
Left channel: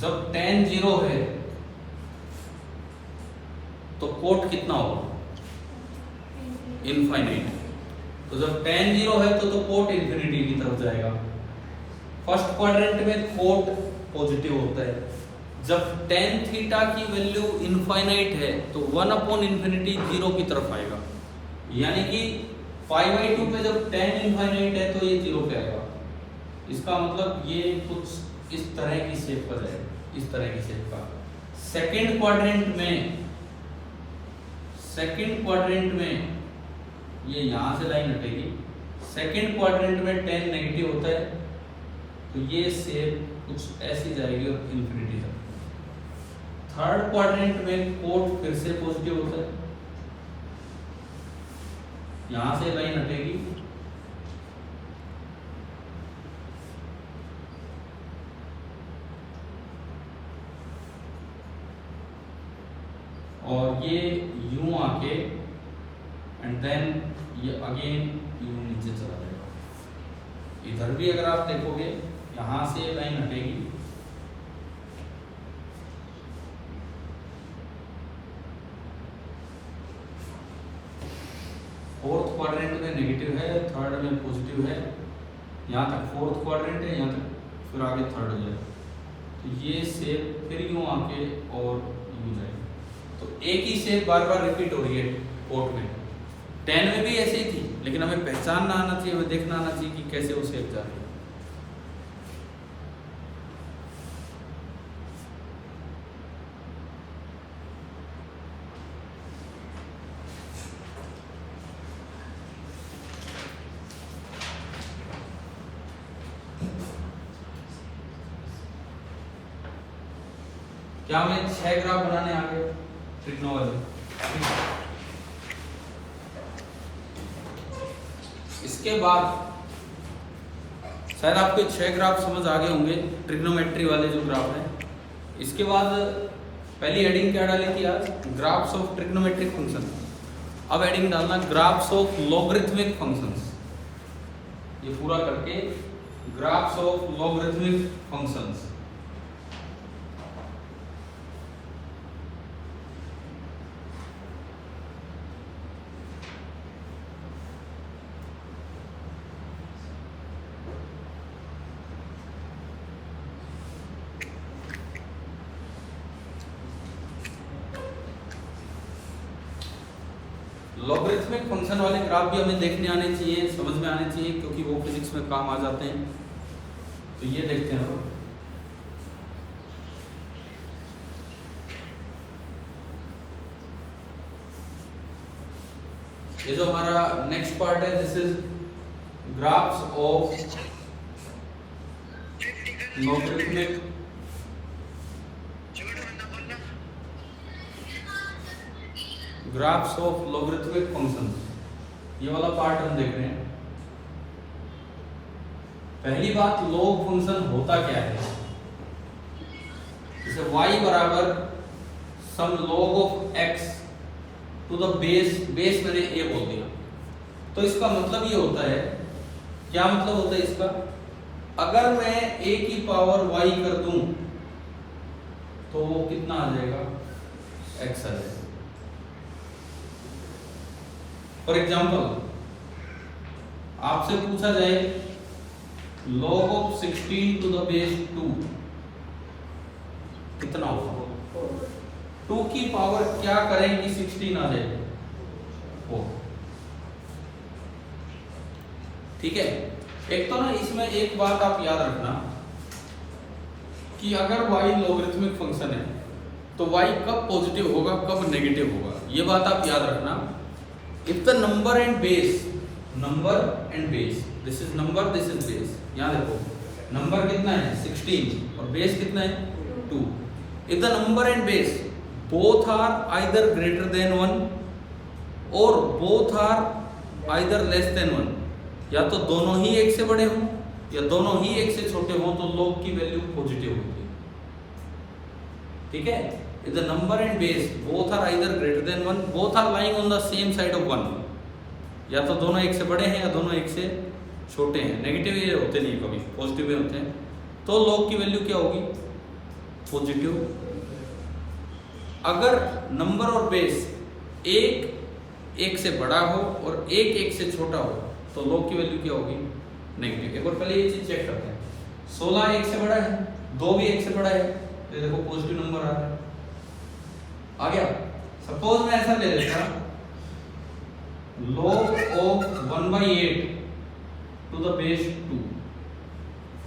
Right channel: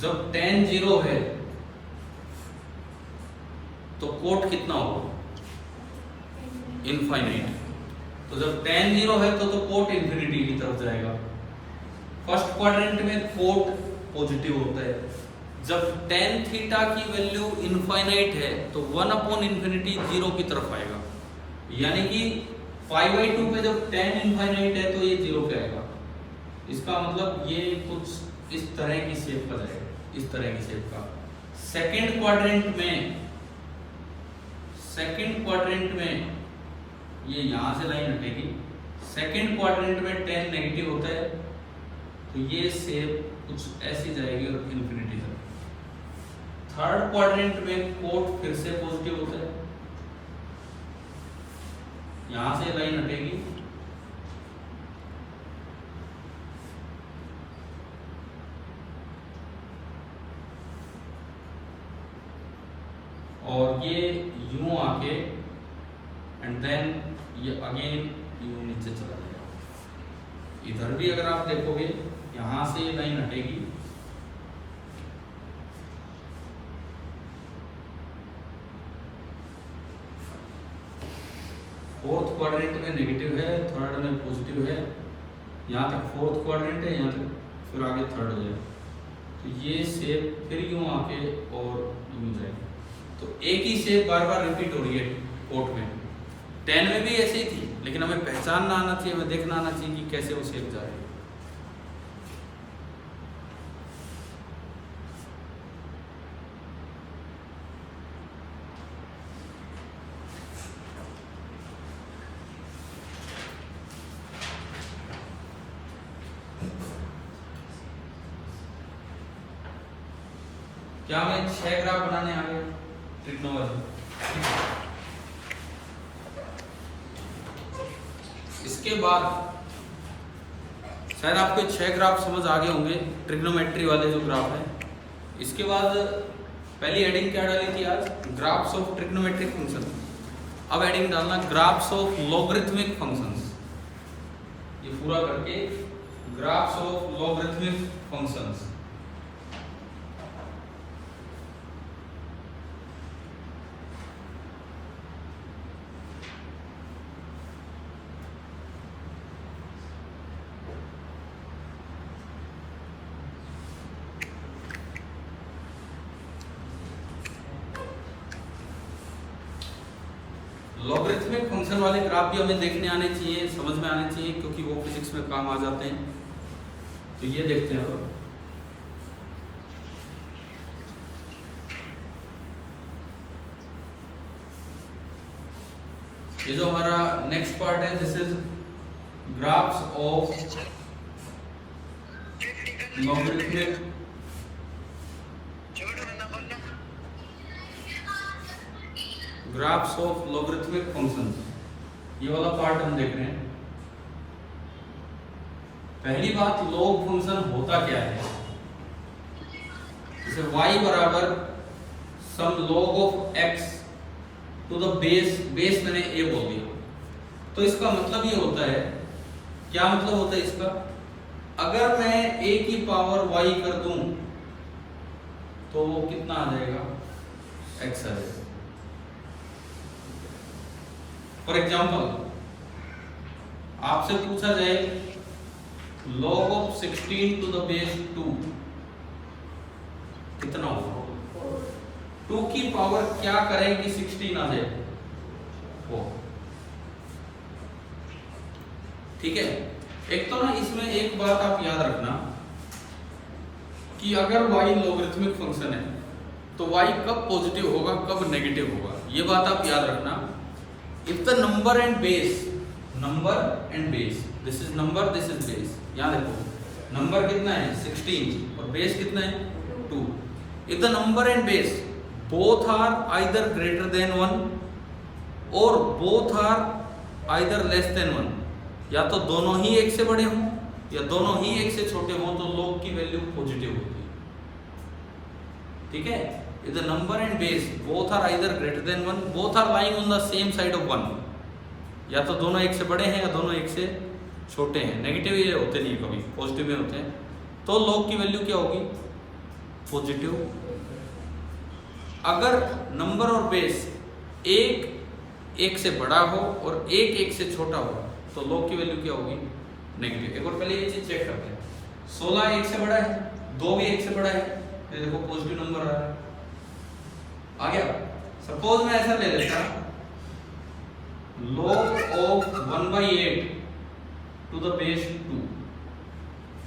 जब tan 0 है तो कोट कितना होगा? इनफाइनाइट। तो जब tan 0 है तो कोट इंफिनिटी की तरफ जाएगा। फर्स्ट क्वाड्रेंट में कोट पॉजिटिव होता है। जब tan थीटा की वैल्यू इनफाइनाइट है तो 1/∞ 0 की तरफ आएगा, यानी कि π/2 पे जब tan इनफाइनाइट है तो ये 0 पे आएगा। इसका मतलब ये कुछ इस तरह की शेप का जाएगा, इस तरह की शेप का। सेकंड क्वाड्रेंट में ये यहां से लाइन हटेगी। सेकंड क्वाड्रेंट में 10 नेगेटिव होता है तो ये शेप कुछ ऐसी जाएगी और इन्फिनिटी तक। थर्ड क्वाड्रेंट में कोट फिर से पॉजिटिव होता है, यहां से लाइन हटेगी, और ये यूं आके एंड देन ये अगेन यूं नीचे चला जाएगा। इधर भी अगर आप देखोगे यहां से ये लाइन हटेगी, फोर्थ क्वाड्रेंट में नेगेटिव है, थर्ड में पॉजिटिव है, यहाँ तक फोर्थ क्वाड्रेंट है, यहाँ तक फिर आगे थर्ड हो जाएगा। तो ये शेप फिर यूं आके और यूं जाएगी। तो एक ही शेप बार बार रिपीट हो रही है कोट में। 10 में भी ऐसे ही थी, लेकिन हमें पहचानना आना चाहिए, हमें देखना आना चाहिए कि कैसे वो शेप जा रही है। क्या हमें 6 ग्राफ बनाने आ गए ट्रिग्नोमेट्री? इसके बाद शायद आपको 6 ग्राफ समझ आ गए होंगे, ट्रिग्नोमेट्री वाले जो ग्राफ है। इसके बाद पहली हेडिंग क्या डाली थी आज, ग्राफ्स ऑफ ट्रिग्नोमेट्रिक फंक्शन। अब हेडिंग डालना ग्राफ्स ऑफ लॉगरिथमिक फंक्शंस। ये पूरा करके graphs of logarithmic functions. Logarithmic function वाले ग्राफ भी हमें देखने आने चाहिए, समझ में आने चाहिए, क्योंकि वो फिजिक्स में काम आ जाते हैं। तो ये देखते हैं। ये जो हमारा नेक्स्ट पार्ट है, this is graphs of logarithmic graphs of logarithmic function. ये वाला पार्ट हम देख रहे हैं। पहली बात, लॉग फंक्शन होता क्या है। जैसे y बराबर some log of x to the base मैंने a बोल दिया, तो इसका मतलब ये होता है, क्या मतलब होता है इसका, अगर मैं a की पावर y कर दूं तो वो कितना आ जाएगा, x आ जाएगा। फॉर एग्जाम्पल आपसे पूछा जाए log of 16 to the base 2 कितना होगा, 2 की पावर क्या करें कि 16 आ जाए, वो ठीक है। एक तो ना इसमें एक बात आप याद रखना कि अगर y लॉगरिथमिक फंक्शन है तो y कब पॉजिटिव होगा कब नेगेटिव होगा, ये बात आप याद रखना। If the number and base, this is number, this is base. यहां देखो नंबर कितना है 16 और बेस कितना है 2। If the number and base both are either greater than 1 और both are either less than 1, या तो दोनों ही 1 से बड़े हों या दोनों ही 1 से छोटे हों, तो log की वैल्यू पॉजिटिव होती है, ठीक है। If the number and base both are either greater than 1, both are lying on the same side of 1, या तो दोनों 1 से बड़े हैं या दोनों 1 से छोटे हैं, नेगेटिव ये होते नहीं, कभी पॉजिटिव में होते हैं, तो log की वैल्यू क्या होगी, पॉजिटिव। अगर नंबर और बेस एक 1 से बड़ा हो और एक 1 से छोटा हो तो log की वैल्यू क्या होगी, नेगेटिव। एक और पहले ये चीज चेक करते हैं, 16 1 से बड़ा है, 2 भी 1 से बड़ा है, ये देखो पॉजिटिव नंबर आ रहा है, आ गया। सपोज मैं ऐसा ले लेता, log of 1/8 to the base 2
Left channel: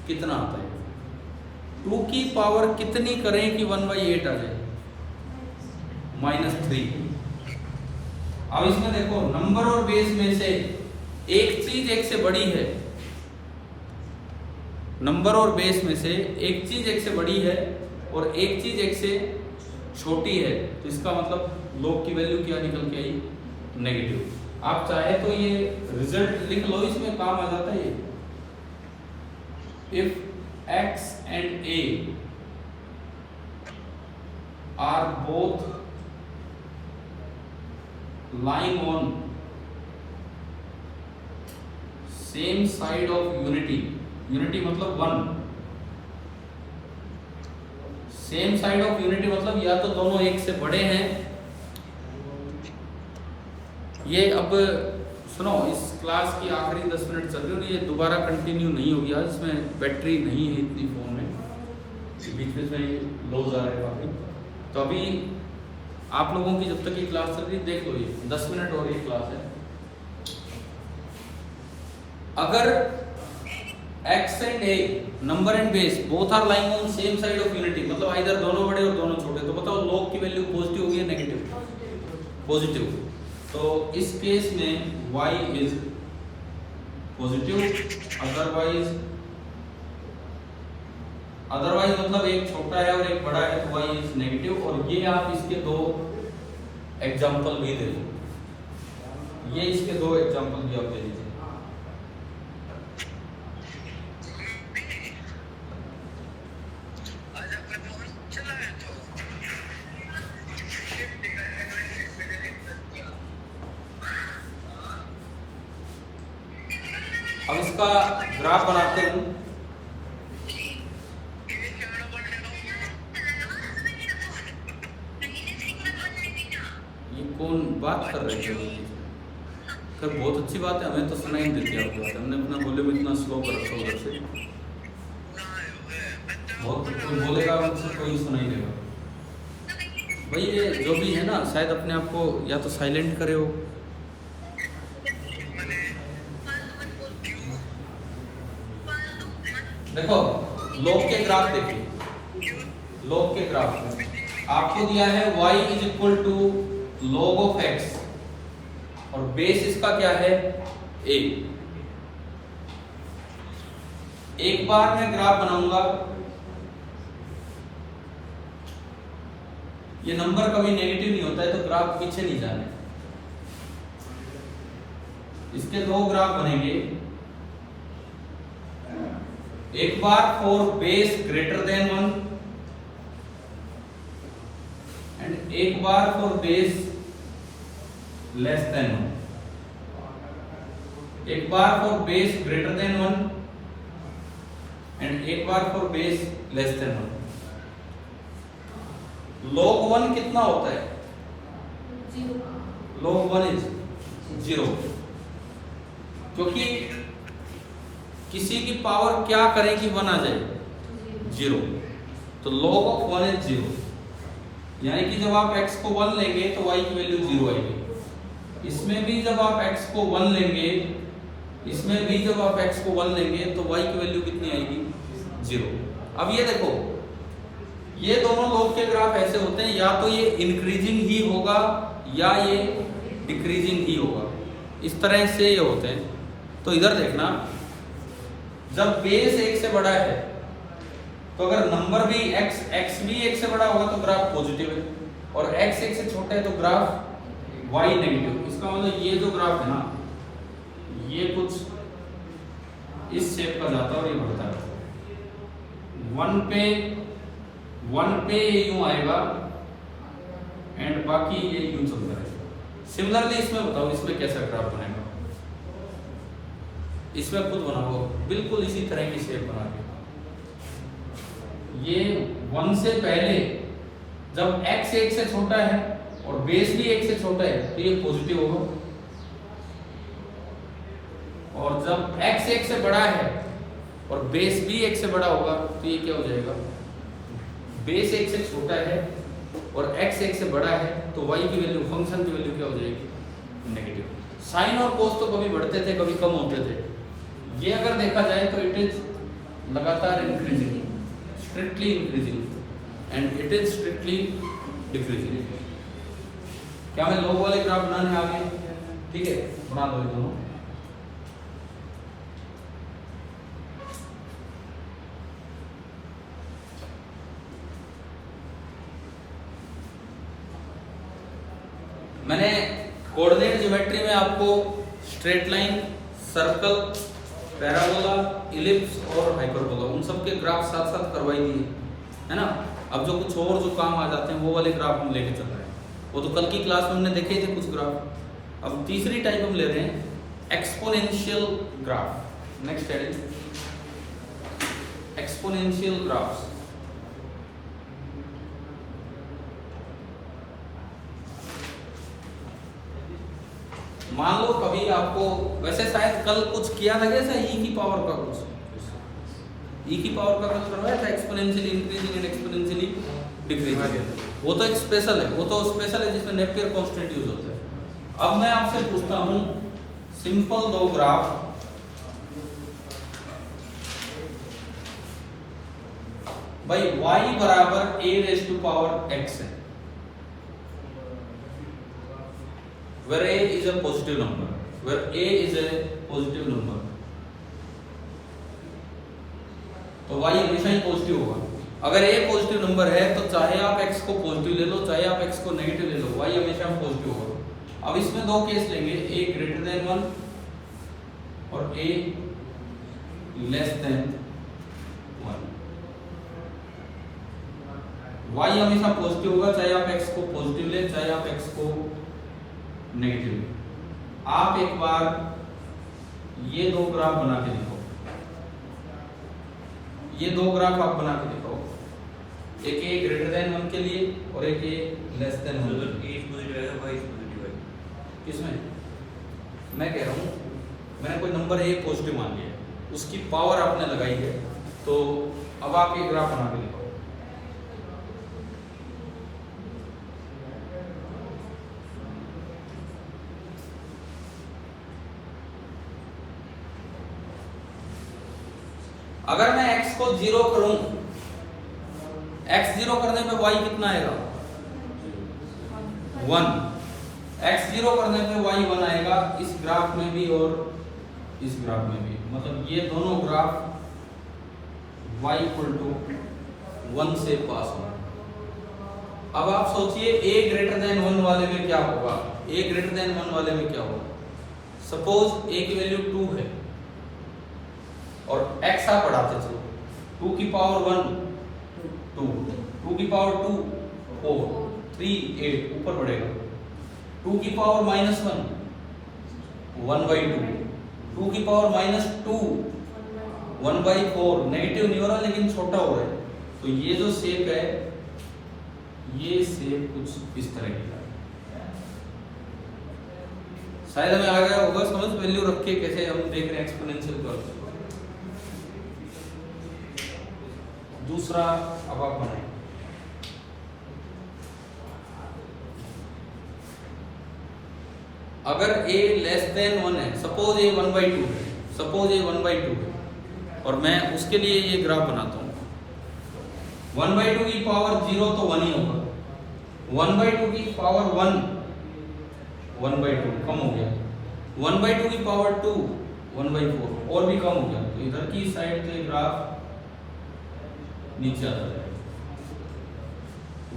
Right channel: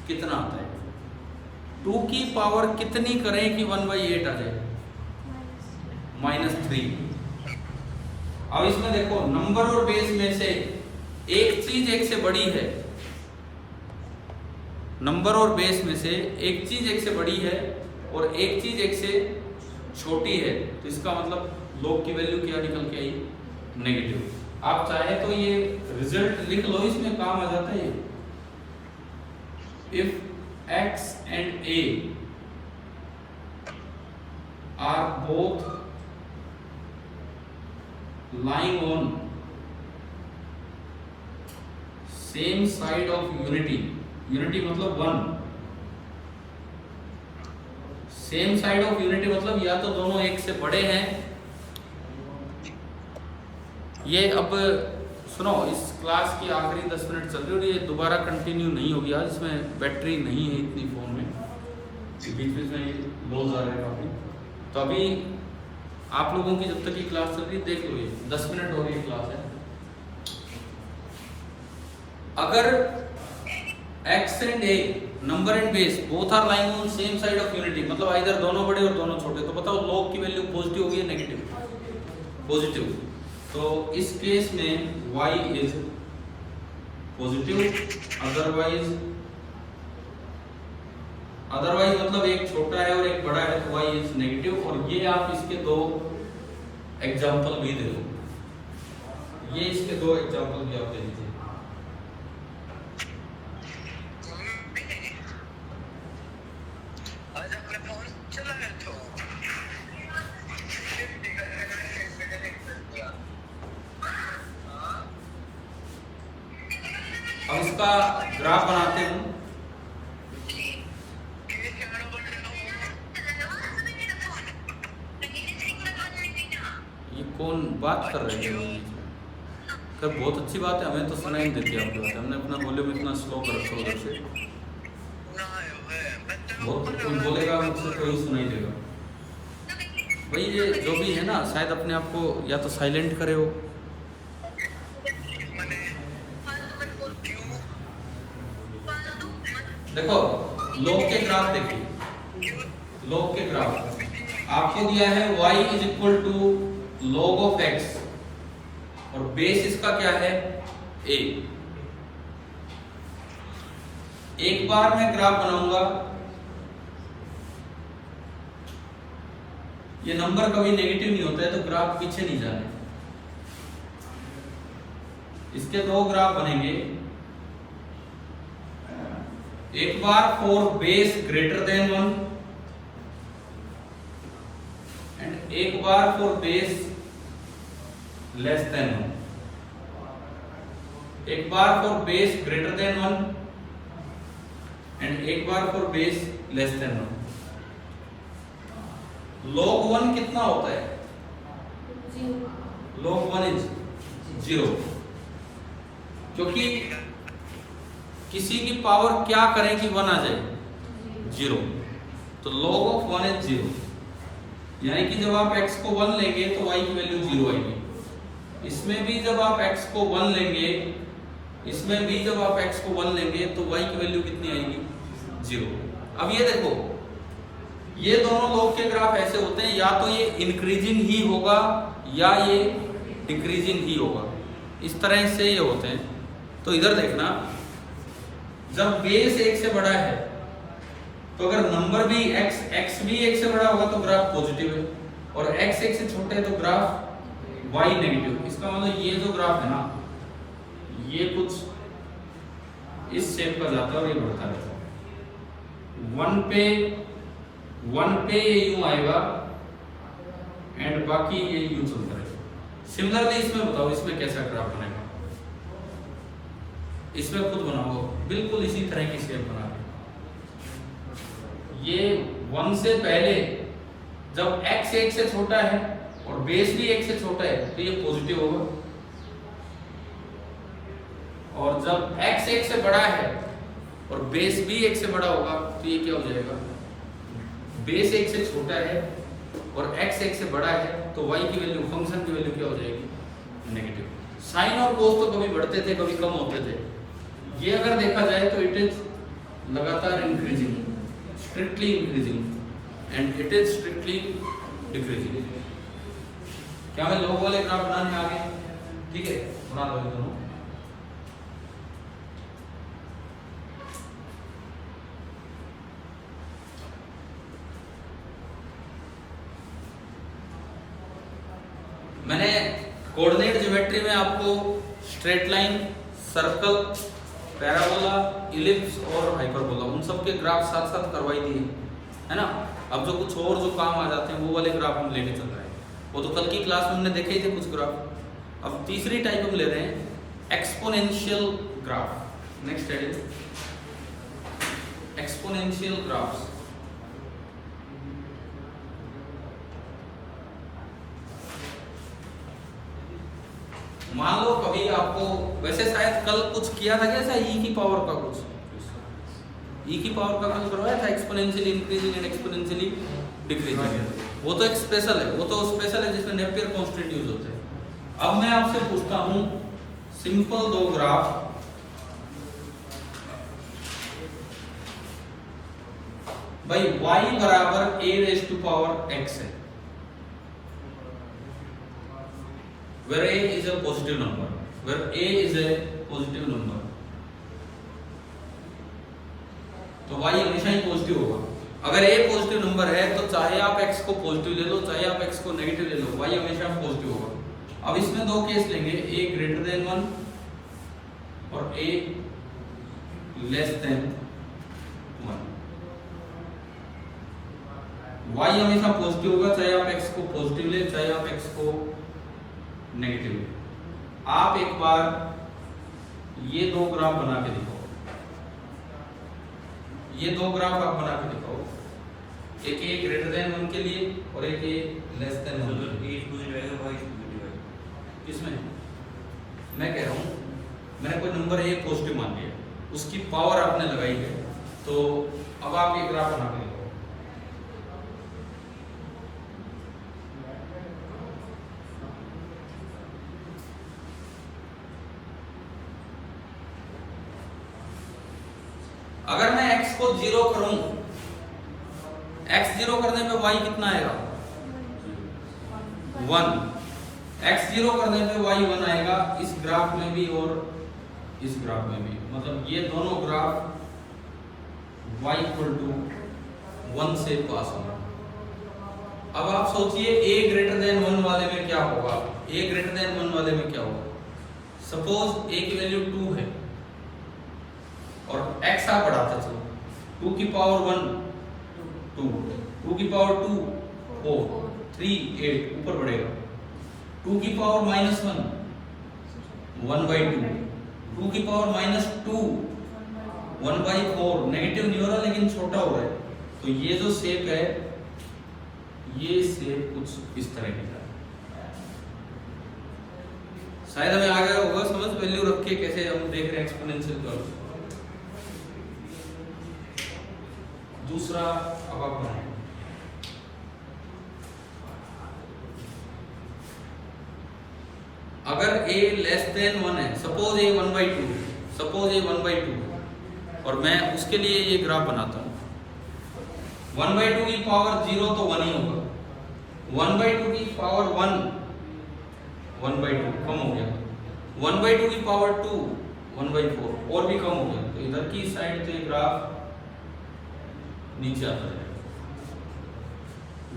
कितना आता है, 2 की पावर कितनी करें कि 1/8 आ जाए, -3। अब इसमें देखो नंबर और बेस में से एक चीज 1 से बड़ी है, नंबर और बेस में से एक चीज 1 से बड़ी है और एक चीज 1 से छोटी है, तो इसका मतलब log की वैल्यू क्या निकल के आई, नेगेटिव। आप चाहे तो ये रिजल्ट लिख लो, इसमें काम आ जाता है। If x and a are both lying on same side of unity, unity मतलब 1, सेम साइड ऑफ यूनिटी मतलब या तो दोनों 1 से बड़े हैं, ये अब सुनो, इस क्लास की आखिरी 10 मिनट चल रही है, ये दोबारा कंटिन्यू नहीं होगी आज, इसमें बैटरी नहीं है इतनी फोन में, बीच बीच में लॉस आ रहे हैं काफी। तो अभी आप लोगों की जब तक ये क्लास चल रही है देख लो, ये 10 मिनट और ये क्लास है। अगर x and a number and base both are lying on same side of unity, मतलब आइदर दोनों बड़े और दोनों छोटे, तो बताओ log की वैल्यू पॉजिटिव होगी या नेगेटिव, पॉजिटिव। तो इस केस में y इज पॉजिटिव, अदरवाइज मतलब एक छोटा है और एक बड़ा है तो y इज नेगेटिव। और ये आप इसके 2 एग्जांपल भी दे दो, ये इसके 2 एग्जांपल भी आप दे दीजिए। इसका ग्राफ बनाते हूँ। ये कौन बात कर रहे हैं? कर बहुत अच्छी बात है, हमें तो सुनाई नहीं देती आपकी बात। हमने अपना वॉल्यूम इतना स्लो कर रखा उधर से, बहुत कोई बोलेगा मुझसे कोई सुनाई देगा। भाई ये जो भी है ना, शायद अपने आप को या तो साइलेंट करे हो। देखो लॉग के ग्राफ देखिए, लॉग के ग्राफ आपको दिया है y is equal to log of x और बेस इसका क्या है a। एक बार मैं ग्राफ बनाऊंगा, ये नंबर कभी नेगेटिव नहीं होता है तो ग्राफ पीछे नहीं जाने। इसके दो ग्राफ बनेंगे, एक बार for base greater than 1 and एक बार फॉर बेस लेस देन 1। एक बार for base greater than 1 and एक बार for base less than 1। log 1 कितना होता है? log 1 इज 0, क्योंकि किसी की पावर क्या करें कि 1 आ जाए? 0। तो log ऑफ 1 इज 0, यानी कि जब आप x को 1 लेंगे तो y की वैल्यू 0 आएगी। इसमें भी जब आप x को 1 लेंगे, इसमें भी जब आप x को 1 लेंगे तो y की वैल्यू कितनी आएगी? 0। अब ये देखो, ये दोनों log के ग्राफ ऐसे होते हैं, या तो ये इंक्रीजिंग ही होगा या ये डिक्रीजिंग ही होगा, इस तरह से ये होते हैं। तो इधर देखना, जब बेस 1 से बड़ा है तो अगर नंबर भी x भी 1 से बड़ा होगा तो ग्राफ पॉजिटिव है, और x 1 से छोटा है तो ग्राफ y नेगेटिव। इसका मतलब ये जो ग्राफ है ना, ये कुछ इस शेप का जाता है और ये बढ़ता है। 1 पे यूं आएगा एंड बाकी ये यूं चलता है। सिमिलरली इसमें बताओ, इसमें कैसा ग्राफ बनेगा? इसमें खुद बनाओ, बिल्कुल इसी तरह की शेप बना के। ये 1 से पहले जब x 1 से छोटा है और बेस भी 1 से छोटा है तो ये पॉजिटिव होगा, और जब x 1 से बड़ा है और बेस भी 1 से बड़ा होगा तो ये क्या हो जाएगा? बेस 1 से छोटा है और x 1 से बड़ा है तो y की वैल्यू, फंक्शन की वैल्यू क्या हो जाएगी? नेगेटिव। साइन और कोस तो कभी बढ़ते थे कभी कम होते थे, ये अगर देखा जाए तो इट इज लगातार increasing, strictly increasing and it is strictly decreasing. क्या मैं लोग वाले ग्राफ बनाने आ गए? ठीक है, बना दो दोनों। मैंने कोऑर्डिनेट ज्योमेट्री में आपको straight line, circle, parabola, ellipse और हाइपरबोला उन सब के ग्राफ साथ साथ करवाई दिए है ना। अब जो कुछ और जो काम आ जाते हैं वो वाले ग्राफ हम लेके चल रहे हैं, वो तो कल की क्लास में हमने देखे थे कुछ ग्राफ। अब तीसरी टाइप हम ले रहे हैं एक्सपोनेंशियल ग्राफ। नेक्स्ट है एक्सपोनेंशियल ग्राफ्स। मान लो कभी आपको, वैसे शायद कल कुछ किया था कैसा, ई की पावर का कुछ, ई की पावर का कुछ करवाया था, exponentially increasing and exponentially decreasing. वो तो एक स्पेशल है, वो तो स्पेशल है जिसमें नेपियर कांस्टेंट यूज होते हैं। अब मैं आपसे पूछता हूं सिंपल दो ग्राफ, भाई y बराबर a raise to power x है, where a is a positive number, where a is a positive number, तो y हमेशा ही पॉजिटिव होगा। अगर a पॉजिटिव नंबर है तो चाहे आप x को पॉजिटिव ले लो चाहे आप x को नेगेटिव ले लो, y हमेशा पॉजिटिव होगा। अब इसमें दो केस लेंगे, a ग्रेटर देन 1 और a लेस देन 1। y हमेशा पॉजिटिव होगा चाहे आप x को पॉजिटिव ले चाहे आप x को नेगेटिव। आप एक बार ये 2 ग्राफ बना के दिखाओ, ये 2 ग्राफ आप बना के दिखाओ, एक ए ग्रेटर देन 1 के लिए और एक ए लेस देन 1। इसमें मैं कह रहा हूँ, मैंने कोई नंबर ए पॉजिटिव मान लिया, उसकी पावर आपने लगाई है, तो अब आप ये ग्राफ बना के लिखो। अगर मैं x को 0 करूं, x 0 करने पे y कितना आएगा? 1। x 0 करने पे y 1 आएगा, इस ग्राफ में भी और इस ग्राफ में भी, मतलब ये दोनों ग्राफ y = 1 से पास होगा। अब आप सोचिए a ग्रेटर देन 1 वाले में क्या होगा, a ग्रेटर देन 1 वाले में क्या होगा? सपोज a की वैल्यू 2 है और x आप बढ़ाते चलो, 2 की पावर 1 2, 2 की पावर 2 4, 3 8 ऊपर बढ़ेगा, 2 की पावर -1 1/2, 2 की पावर -2 1/4, नेगेटिव न्यूमरल लेकिन छोटा हो रहा है, तो ये जो शेप है, ये शेप कुछ इस तरह की है। शायद हमें आ गया होगा समझ, वैल्यू रख के कैसे हम देख रहे हैं एक्सपोनेंशियल कर्व। दूसरा अब आप बनाएं, अगर a लेस देन 1 है, सपोज a 1/2 है, सपोज a 1/2 है, और मैं उसके लिए ये ग्राफ बनाता हूं। 1/2 की पावर 0 तो 1 ही होगा, 1/2 की पावर 1 1/2 कम हो गया, 1/2 की पावर 2 1/4 और भी कम हो गया, तो इधर की साइड के ग्राफ नीचे आता है।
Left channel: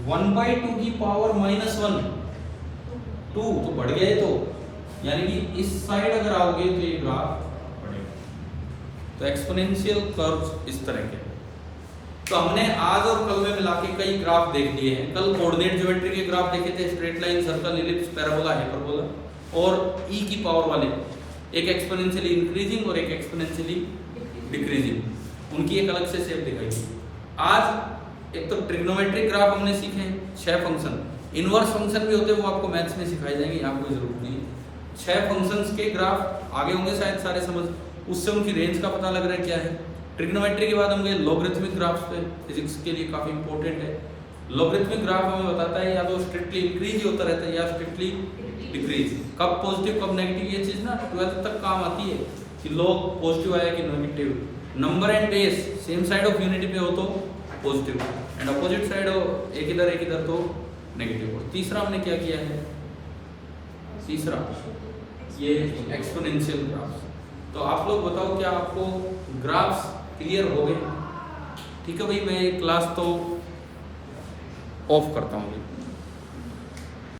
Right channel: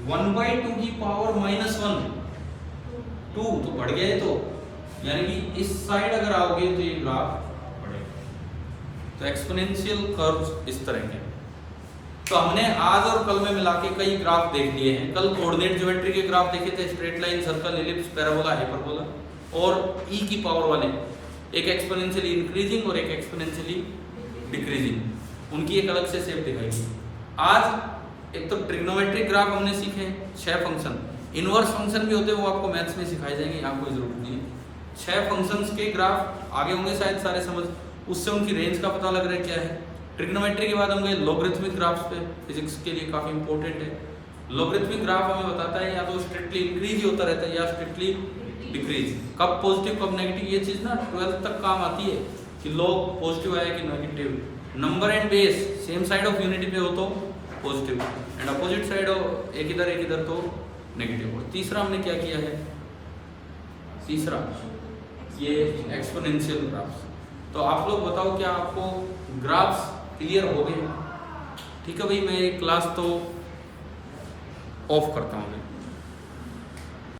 1/2 की पावर -1 2 तो बढ़ गया है, तो यानी कि इस साइड अगर आओगे तो ये ग्राफ बढ़ेगा। तो एक्सपोनेंशियल कर्व इस तरह के। तो हमने आज और कल में मिला के कई ग्राफ देख लिए हैं। कल कोऑर्डिनेट ज्योमेट्री के ग्राफ देखे थे, straight line, circle, ellipse, parabola, hyperbola, और e की पावर वाले, एक एक्सपोनेंशियली इंक्रीजिंग और एक एक्सपोनेंशियली डिक्रीजिंग, उनकी एक अलग से शेप दिखाई। आज एक तो ट्रिग्नोमेट्रिक ग्राफ हमने सीखे, 6 फंक्शन, इनवर्स फंक्शन भी होते हैं, वो आपको मैथ्स में सिखाए जाएंगे, यहाँ कोई जरूरत नहीं है। 6 फंक्शंस के ग्राफ आगे होंगे शायद सारे समझ, उससे उनकी रेंज का पता लग रहा है क्या है। ट्रिग्नोमेट्री के बाद हम गए लॉगरिथमिक ग्राफ्स पे, फिजिक्स के लिए काफी इंपॉर्टेंट है। लॉगरिथमिक ग्राफ हमें बताता है या तो स्ट्रिक्टली इंक्रीज ही होता रहता है या स्ट्रिक्टली डिक्रीज, कब पॉजिटिव कब नेगेटिव, ये चीज ना 12th तक काम आती है कि लॉग पॉजिटिव आया कि negative. Number and base same side of unity पे हो तो पॉजिटिव, एंड अपोजिट साइड हो एक इधर तो नेगेटिव। और तीसरा हमने क्या किया है, तीसरा ये एक्सपोनेंशियल ग्राफ। तो आप लोग बताओ क्या आपको ग्राफ्स क्लियर हो गए? ठीक है भाई, मैं क्लास तो ऑफ करता हूँ।